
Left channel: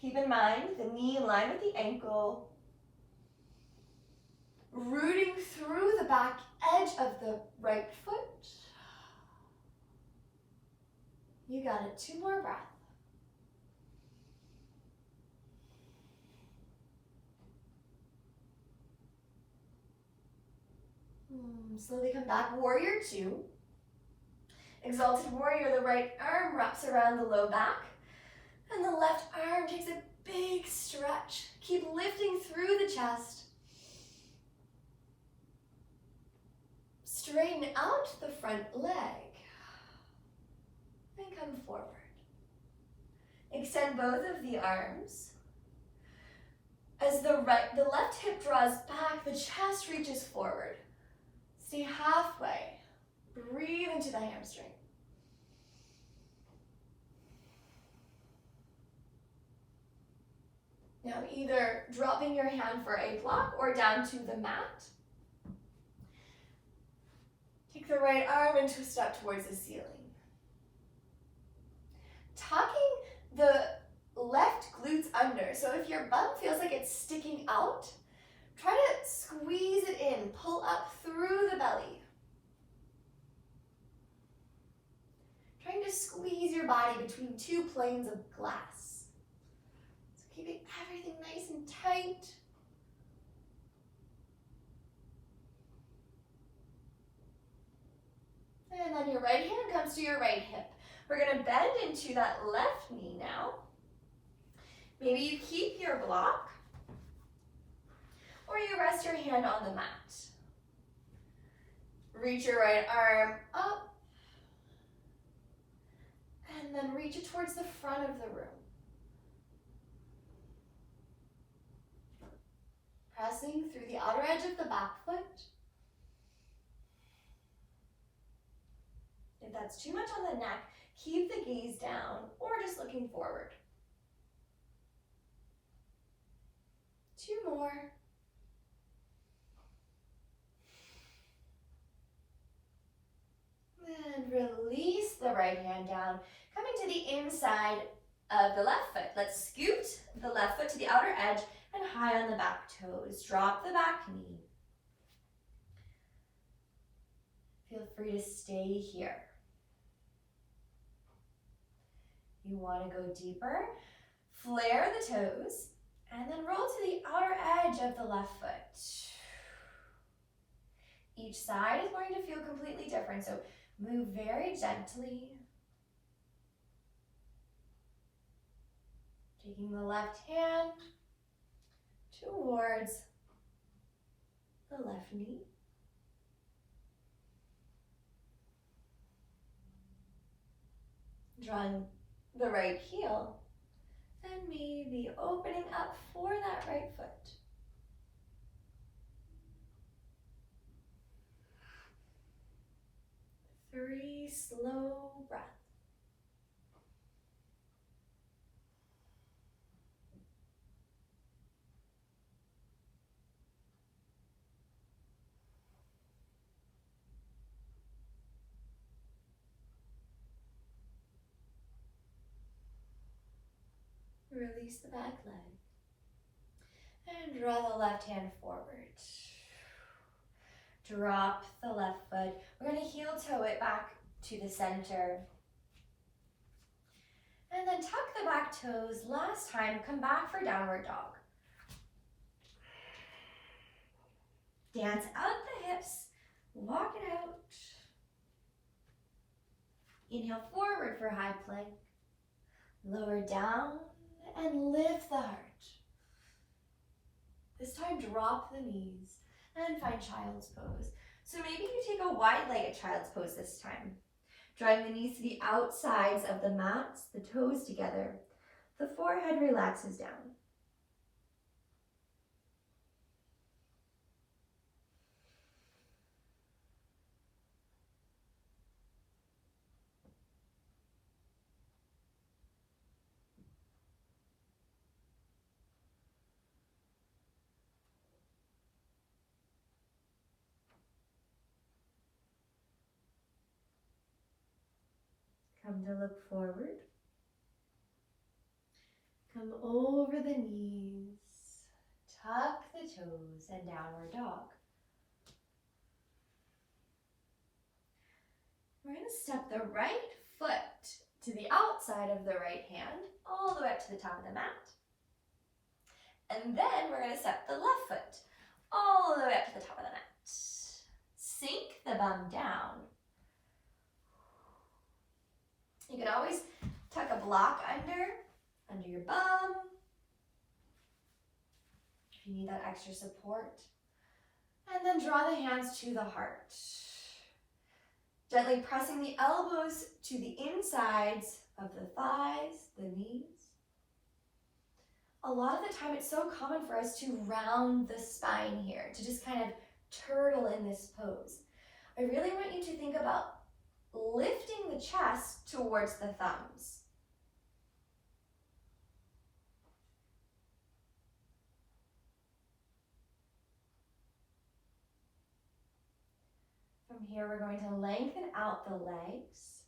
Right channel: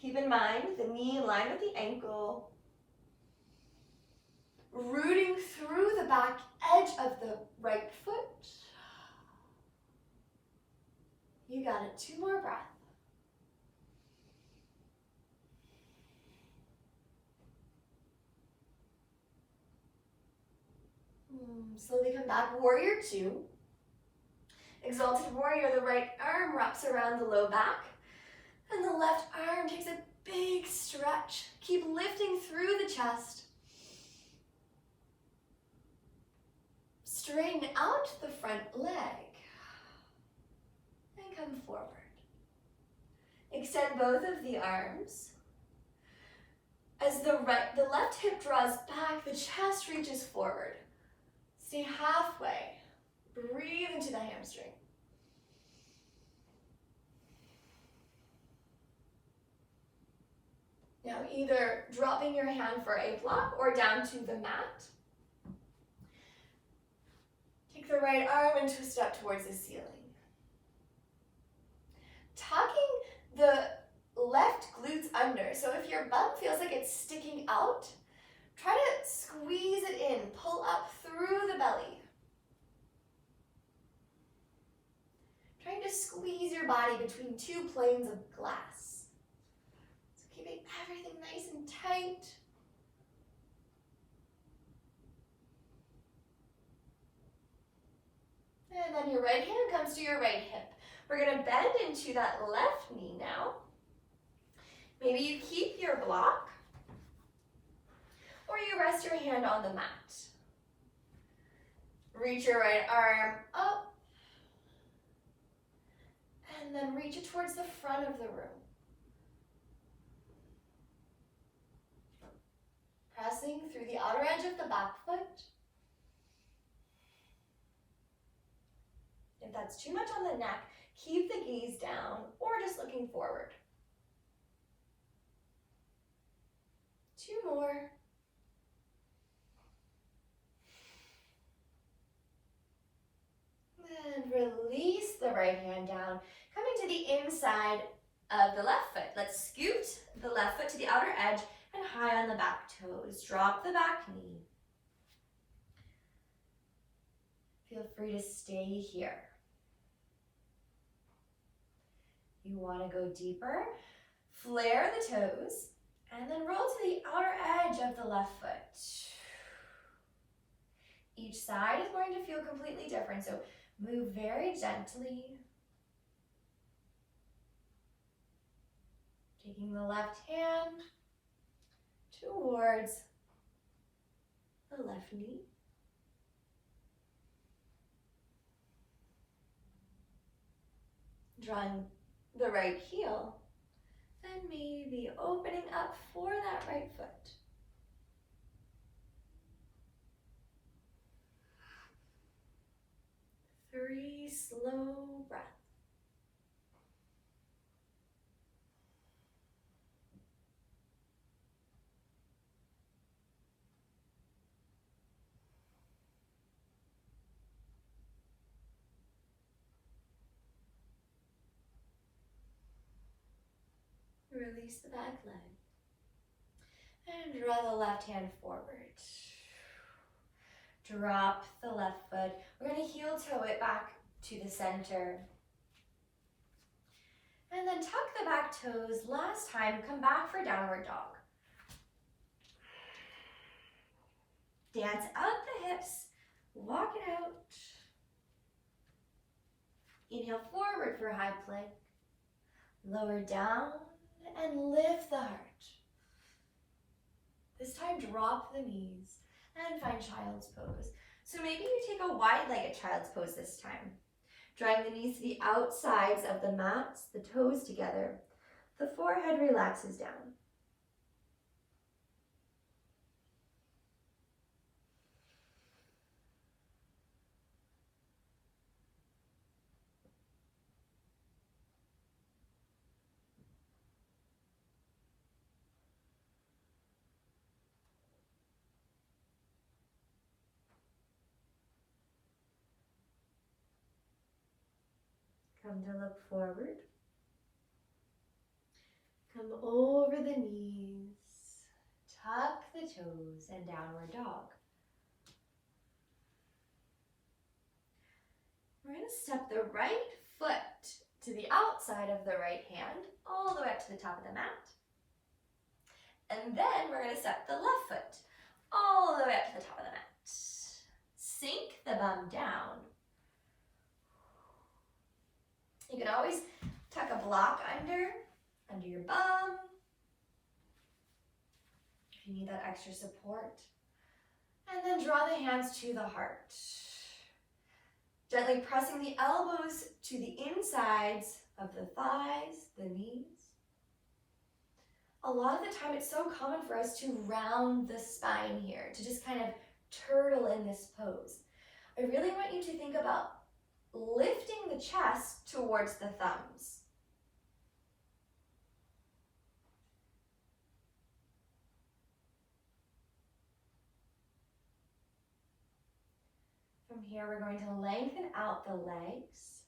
Keep in mind the knee in line with the ankle. Rooting through the back edge of the right foot. You got it, 2 more breaths. Slowly come back, warrior two. Exalted warrior, the right arm wraps around the low back, and the left arm takes a big stretch. Keep lifting through the chest. Straighten out the front leg, and come forward. Extend both of the arms. As the left hip draws back, the chest reaches forward. Stay halfway. Breathe into the hamstring. Now either dropping your hand for a block or down to the mat. Take the right arm and twist up towards the ceiling. Tucking the left glutes under. So if your bum feels like it's sticking out, try to squeeze it in, pull up through the belly. Trying to squeeze your body between 2 planes of glass. So keeping everything nice and tight. And then your right hand comes to your right hip. We're gonna bend into that left knee now. Maybe you keep your block, or you rest your hand on the mat. Reach your right arm up, and then reach it towards the front of the room. Pressing through the outer edge of the back foot. If that's too much on the neck, keep the gaze down or just looking forward. 2 more. And release the right hand down, coming to the inside of the left foot. Let's scoot the left foot to the outer edge and high on the back toes. Drop the back knee. Feel free to stay here. You want to go deeper, flare the toes, and then roll to the outer edge of the left foot. Each side is going to feel completely different, so move very gently. Taking the left hand towards the left knee. Drawing the right heel, then maybe opening up for that right foot. 3 slow breaths. Release the back leg. And draw the left hand forward. Drop the left foot. We're going to heel toe it back to the center. And then tuck the back toes. Last time, come back for downward dog. Dance out the hips. Walk it out. Inhale forward for high plank. Lower down and lift the heart. This time, drop the knees and find child's pose. So maybe you take a wide-legged child's pose this time. Drawing the knees to the outsides of the mats, the toes together. The forehead relaxes down. Come to look forward. Come over the knees. Tuck the toes and downward dog. We're going to step the right foot to the outside of the right hand, all the way up to the top of the mat. And then we're going to step the left foot all the way up to the top of the mat. Sink the bum down. You can always tuck a block under your bum, if you need that extra support. And then draw the hands to the heart. Gently pressing the elbows to the insides of the thighs, the knees. A lot of the time it's so common for us to round the spine here, to just kind of turtle in this pose. I really want you to think about lifting the chest towards the thumbs. From here, we're going to lengthen out the legs.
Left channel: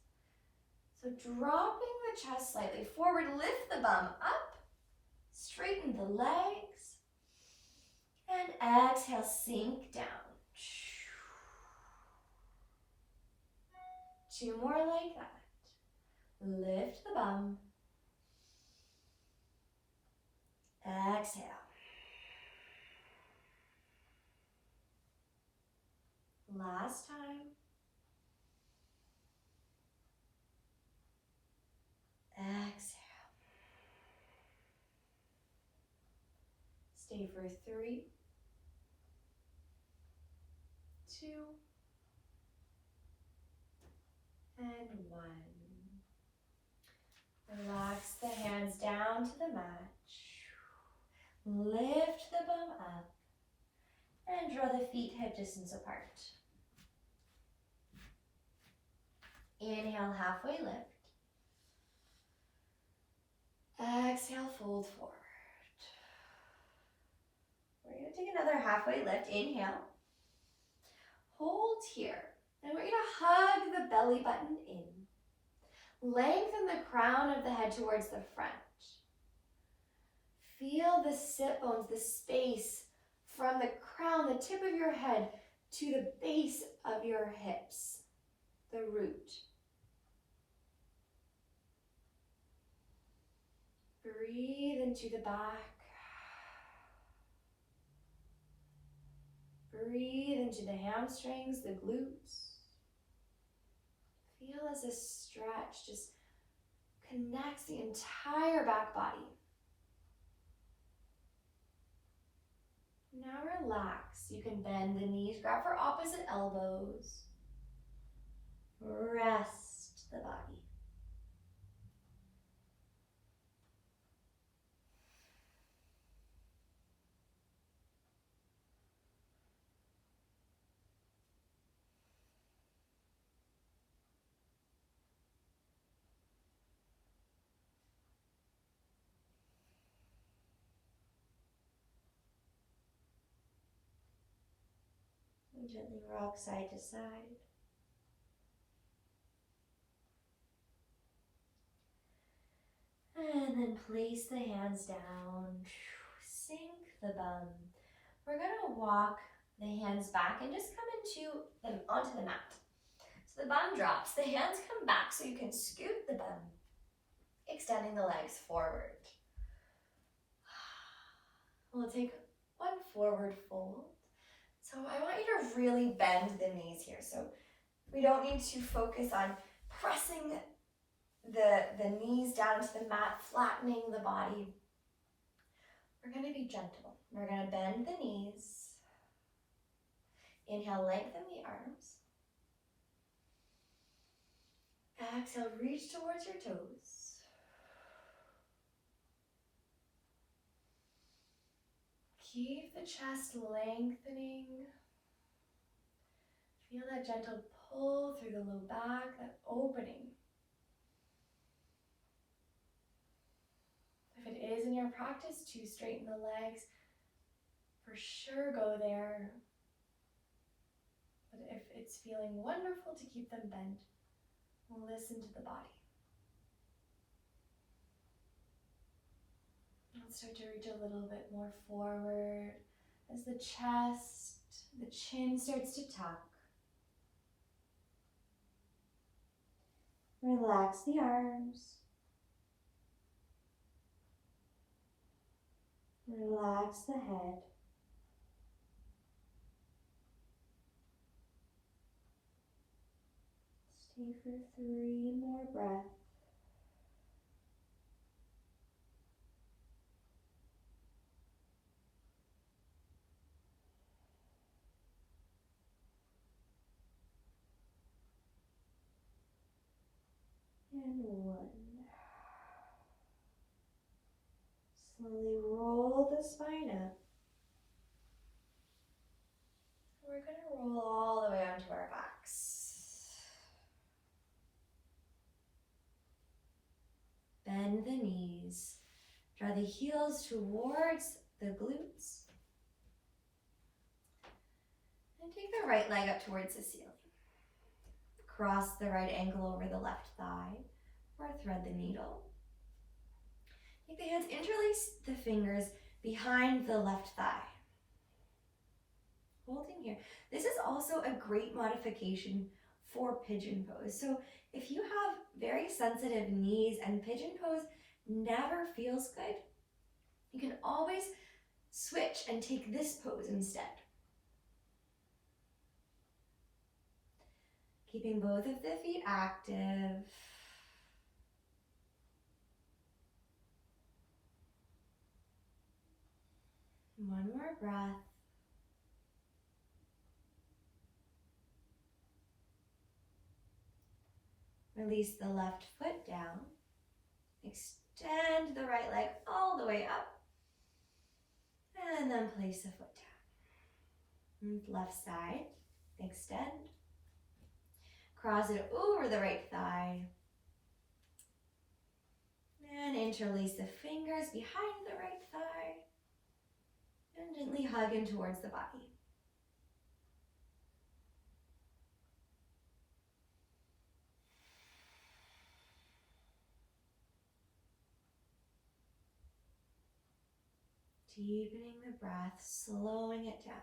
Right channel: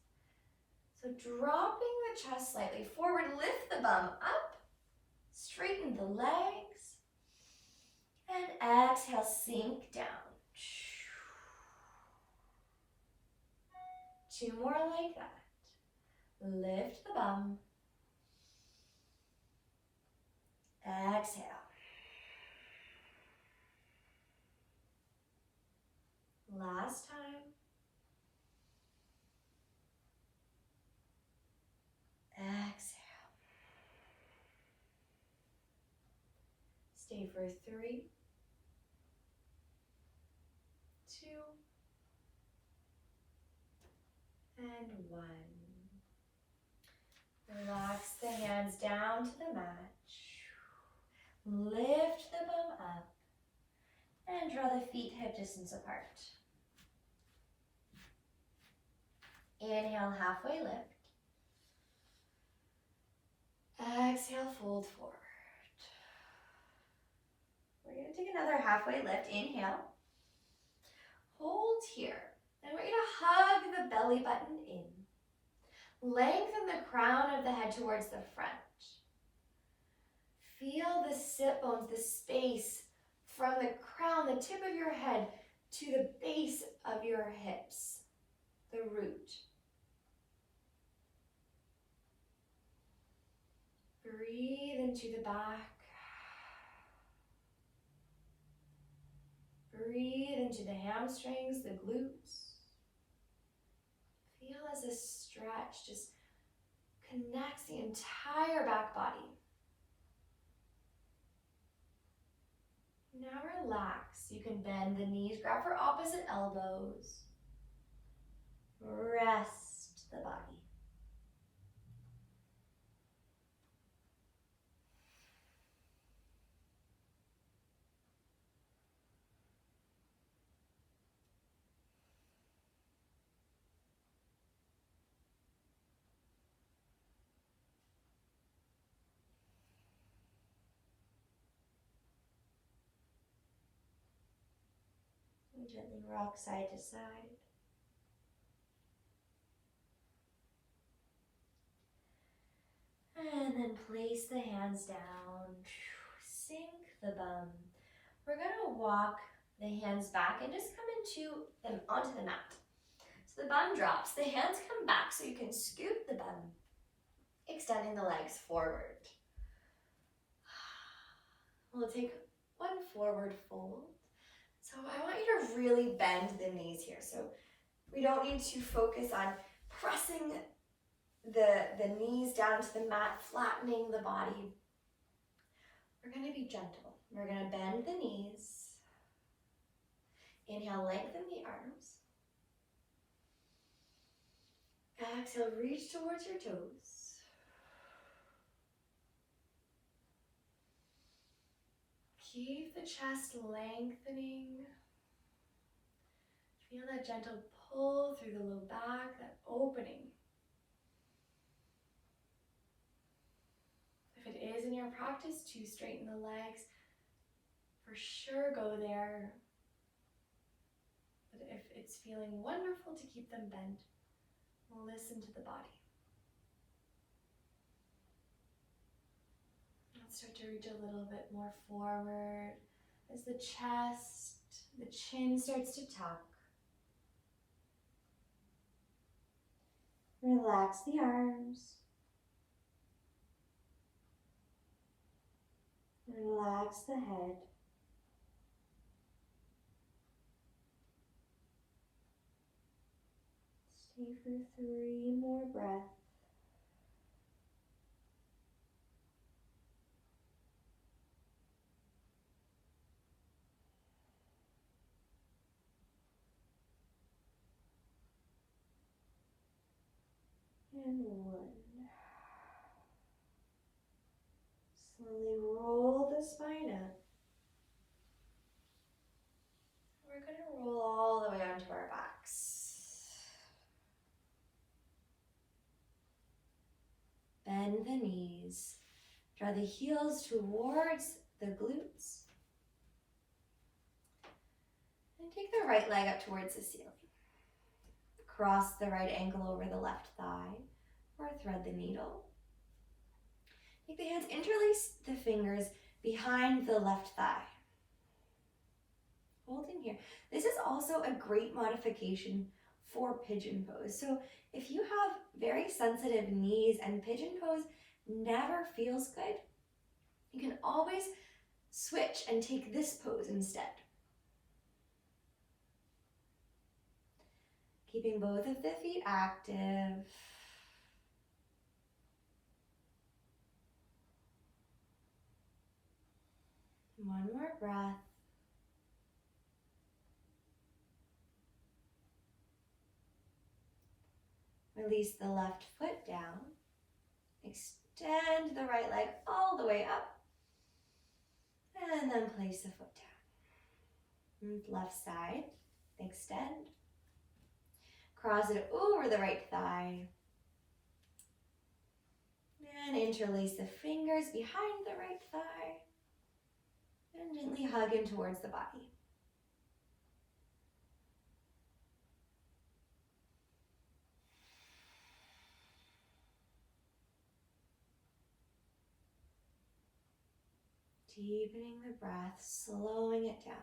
So dropping the chest slightly forward, lift the bum up, straighten the legs, and exhale, sink down. 2 more like that. Lift the bum. Exhale. Last time. Exhale. Stay for 3, 2, and 1. Relax the hands down to the mat. Lift the bum up and draw the feet hip distance apart. Inhale, halfway lift. Exhale, fold forward. We're going to take another halfway lift. Inhale. Hold here. And we're going to hug the belly button in. Lengthen the crown of the head towards the front. Feel the sit bones, the space from the crown, the tip of your head, to the base of your hips, the root. Breathe into the back. Breathe into the hamstrings, the glutes. Feel as this stretch just connects the entire back body. Now relax So you can bend the knees, grab for opposite elbows. Rest the body. And gently rock side to side. And then place the hands down. Sink the bum. We're gonna walk the hands back and just come into them onto the mat. So the bum drops, the hands come back so you can scoop the bum, extending the legs forward. We'll take one forward fold. So I want you to really bend the knees here. So we don't need to focus on pressing the knees down to the mat, flattening the body. We're going to be gentle. We're going to bend the knees. Inhale, lengthen the arms. Exhale, reach towards your toes. Keep the chest lengthening. Feel that gentle pull through the low back, that opening. If it is in your practice to straighten the legs, for sure go there. But if it's feeling wonderful to keep them bent, listen to the body. Let's start to reach a little bit more forward as the chest, the chin starts to tuck. Relax the arms. Relax the head. Stay for 3 more breaths. And 1. Slowly roll the spine up. We're going to roll all the way onto our backs. Bend the knees. Draw the heels towards the glutes. And take the right leg up towards the ceiling. Cross the right ankle over the left thigh, or thread the needle. Take the hands, interlace the fingers behind the left thigh. Holding here. This is also a great modification for pigeon pose. So if you have very sensitive knees and pigeon pose never feels good, you can always switch and take this pose instead. Keeping both of the feet active. One more breath. Release the left foot down. Extend the right leg all the way up. And then place the foot down. And left side, extend. Cross it over the right thigh. And interlace the fingers behind the right thigh. And gently hug in towards the body. Deepening the breath, slowing it down.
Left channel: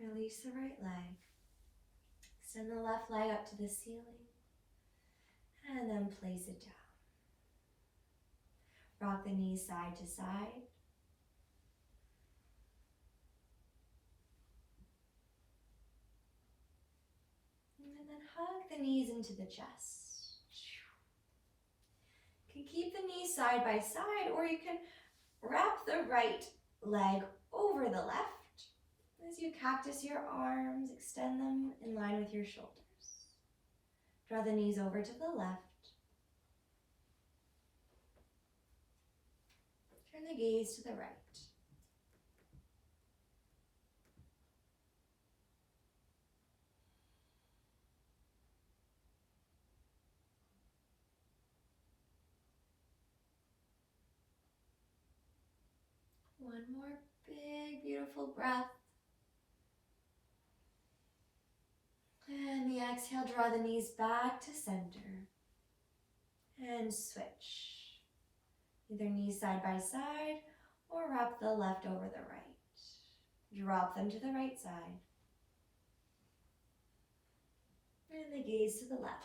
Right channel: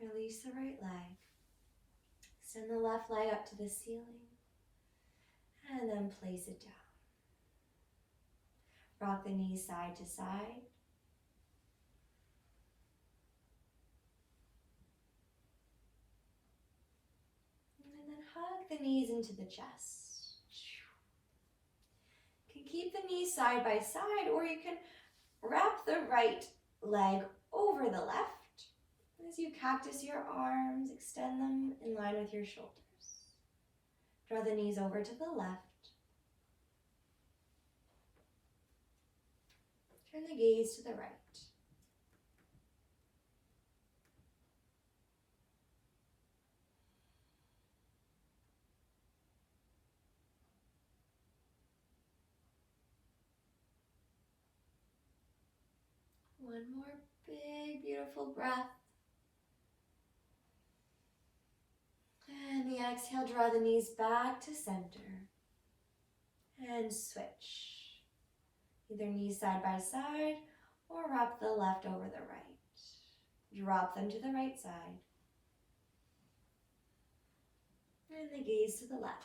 Release the right leg. Extend the left leg up to the ceiling. And then place it down. Rock the knees side to side. And then hug the knees into the chest. You can keep the knees side by side, or you can wrap the right leg over the left. As you cactus your arms, extend them in line with your shoulders. Draw the knees over to the left. Turn the gaze to the right. One more big, beautiful breath. And the exhale, draw the knees back to center. And switch. Either knees side by side or wrap the left over the right. Drop them to the right side. And the gaze to the left.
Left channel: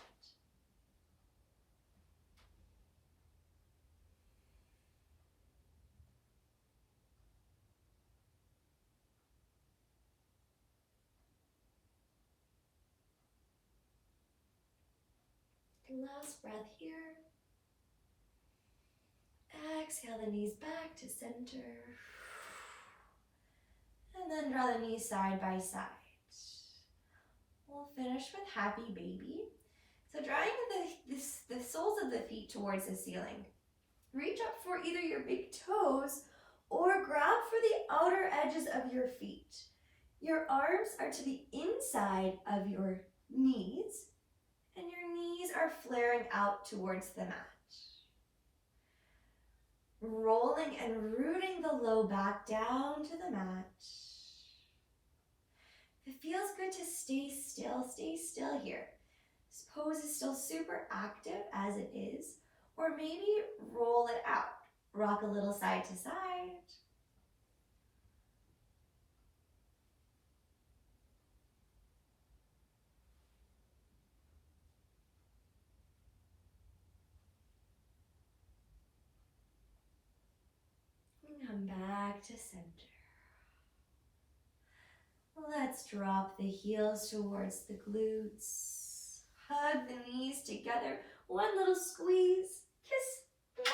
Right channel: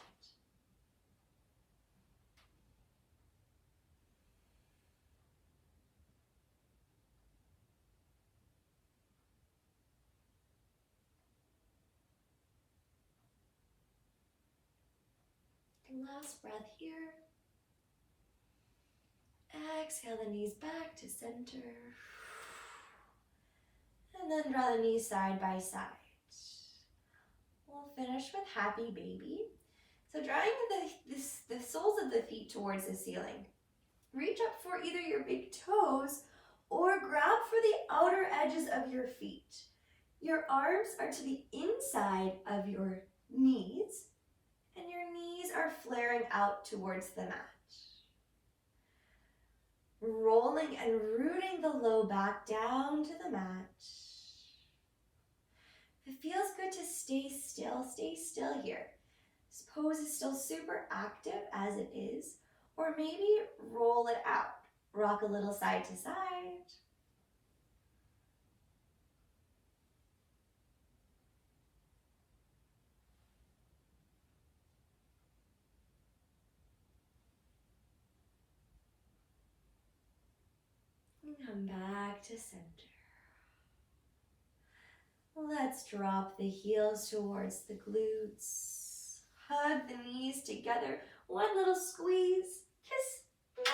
Last breath here. Exhale the knees back to center. And then draw the knees side by side. We'll finish with happy baby. So drawing the soles of the feet towards the ceiling. Reach up for either your big toes or grab for the outer edges of your feet. Your arms are to the inside of your knees, and your knees are flaring out towards the mat. Rolling and rooting the low back down to the mat. If it feels good to stay still here. This pose is still super active as it is, or maybe roll it out. Rock a little side to side. And come back to center. Let's drop the heels towards the glutes. Hug the knees together. One little squeeze. Kiss.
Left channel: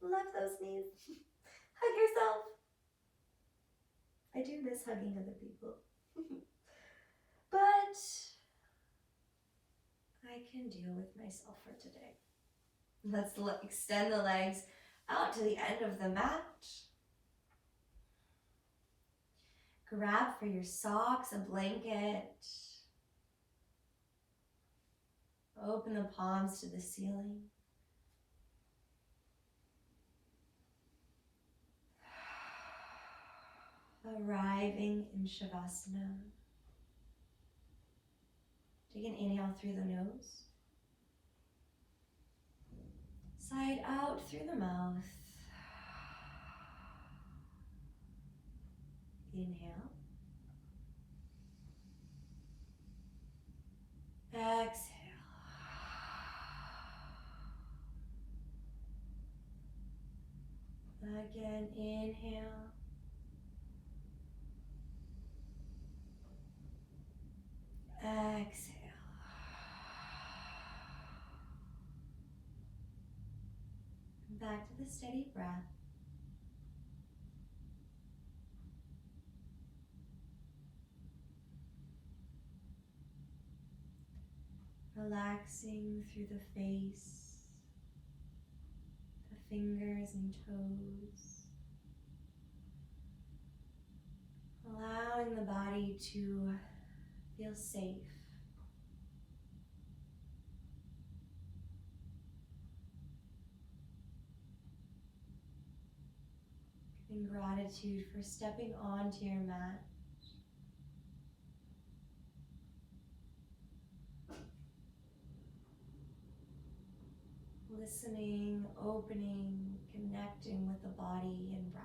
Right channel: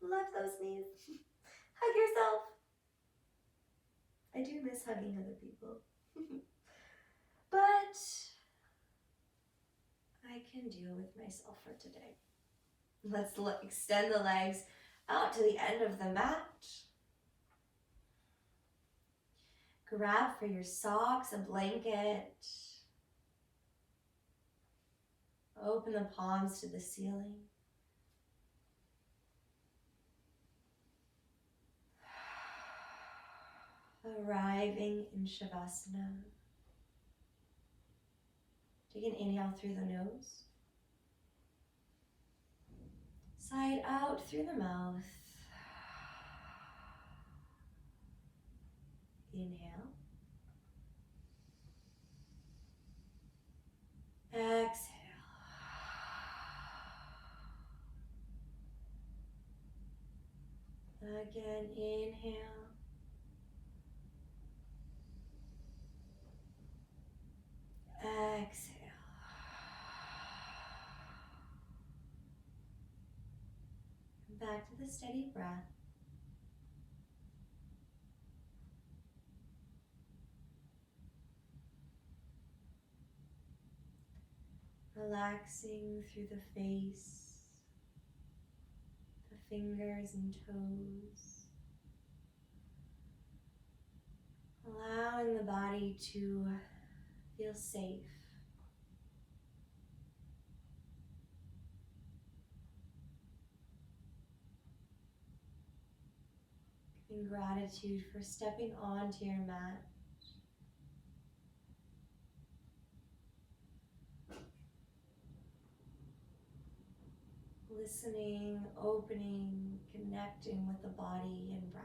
Love those knees. Hug yourself. I do miss hugging other people. But I can deal with myself for today. Let's extend the legs out to the end of the mat. Grab for your socks, a blanket. Open the palms to the ceiling. Arriving in Shavasana. Take an inhale through the nose. Side out through the mouth. Inhale. Exhale. Again, inhale. Exhale. Back to the steady breath. Relaxing through the face, the fingers and toes. Allowing the body to feel safe. In gratitude for stepping onto your mat. Listening, opening, connecting with the body and breath.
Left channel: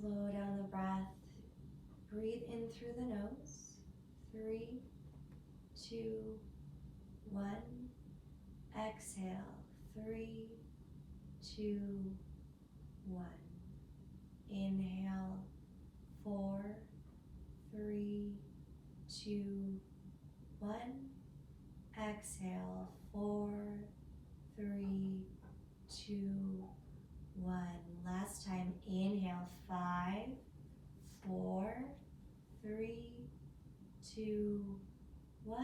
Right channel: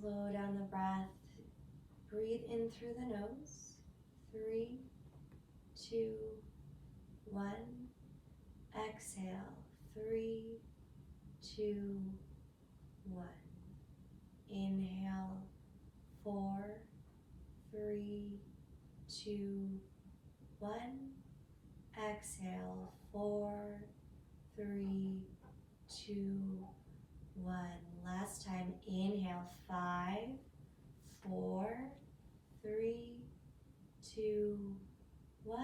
Slow down the breath. Breathe in through the nose. 3, 2, 1. Exhale. 3, 2, 1. Inhale. 4, 3, 2, 1. Exhale. 4, 3, 2, 1. Last time. Inhale. 5, 4, 3, 2, 1.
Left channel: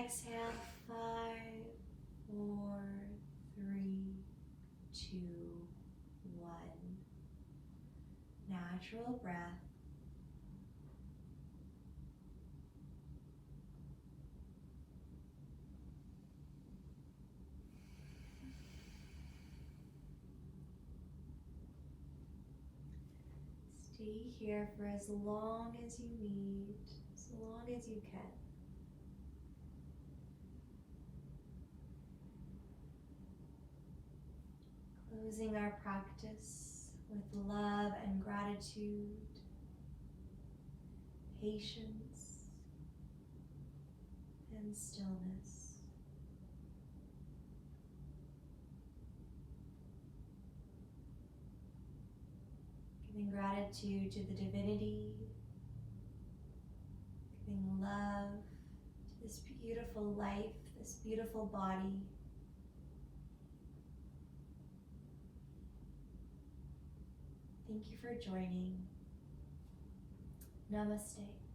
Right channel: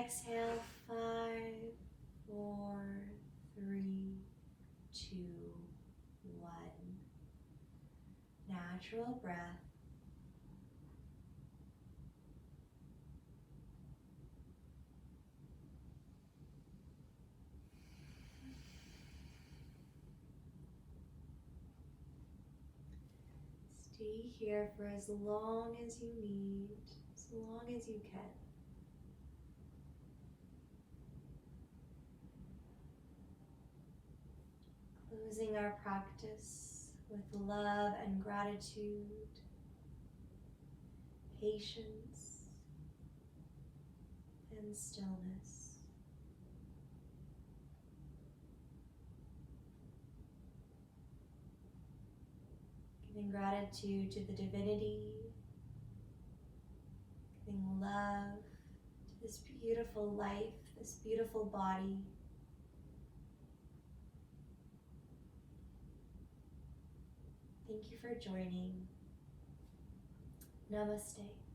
Exhale. 5, 4, 3, 2, 1. Natural breath. Stay here for as long as you need, as long as you can. Closing our practice with love and gratitude, patience and stillness. Giving gratitude to the divinity, giving love to this beautiful life, this beautiful body. Thank you for joining. Namaste.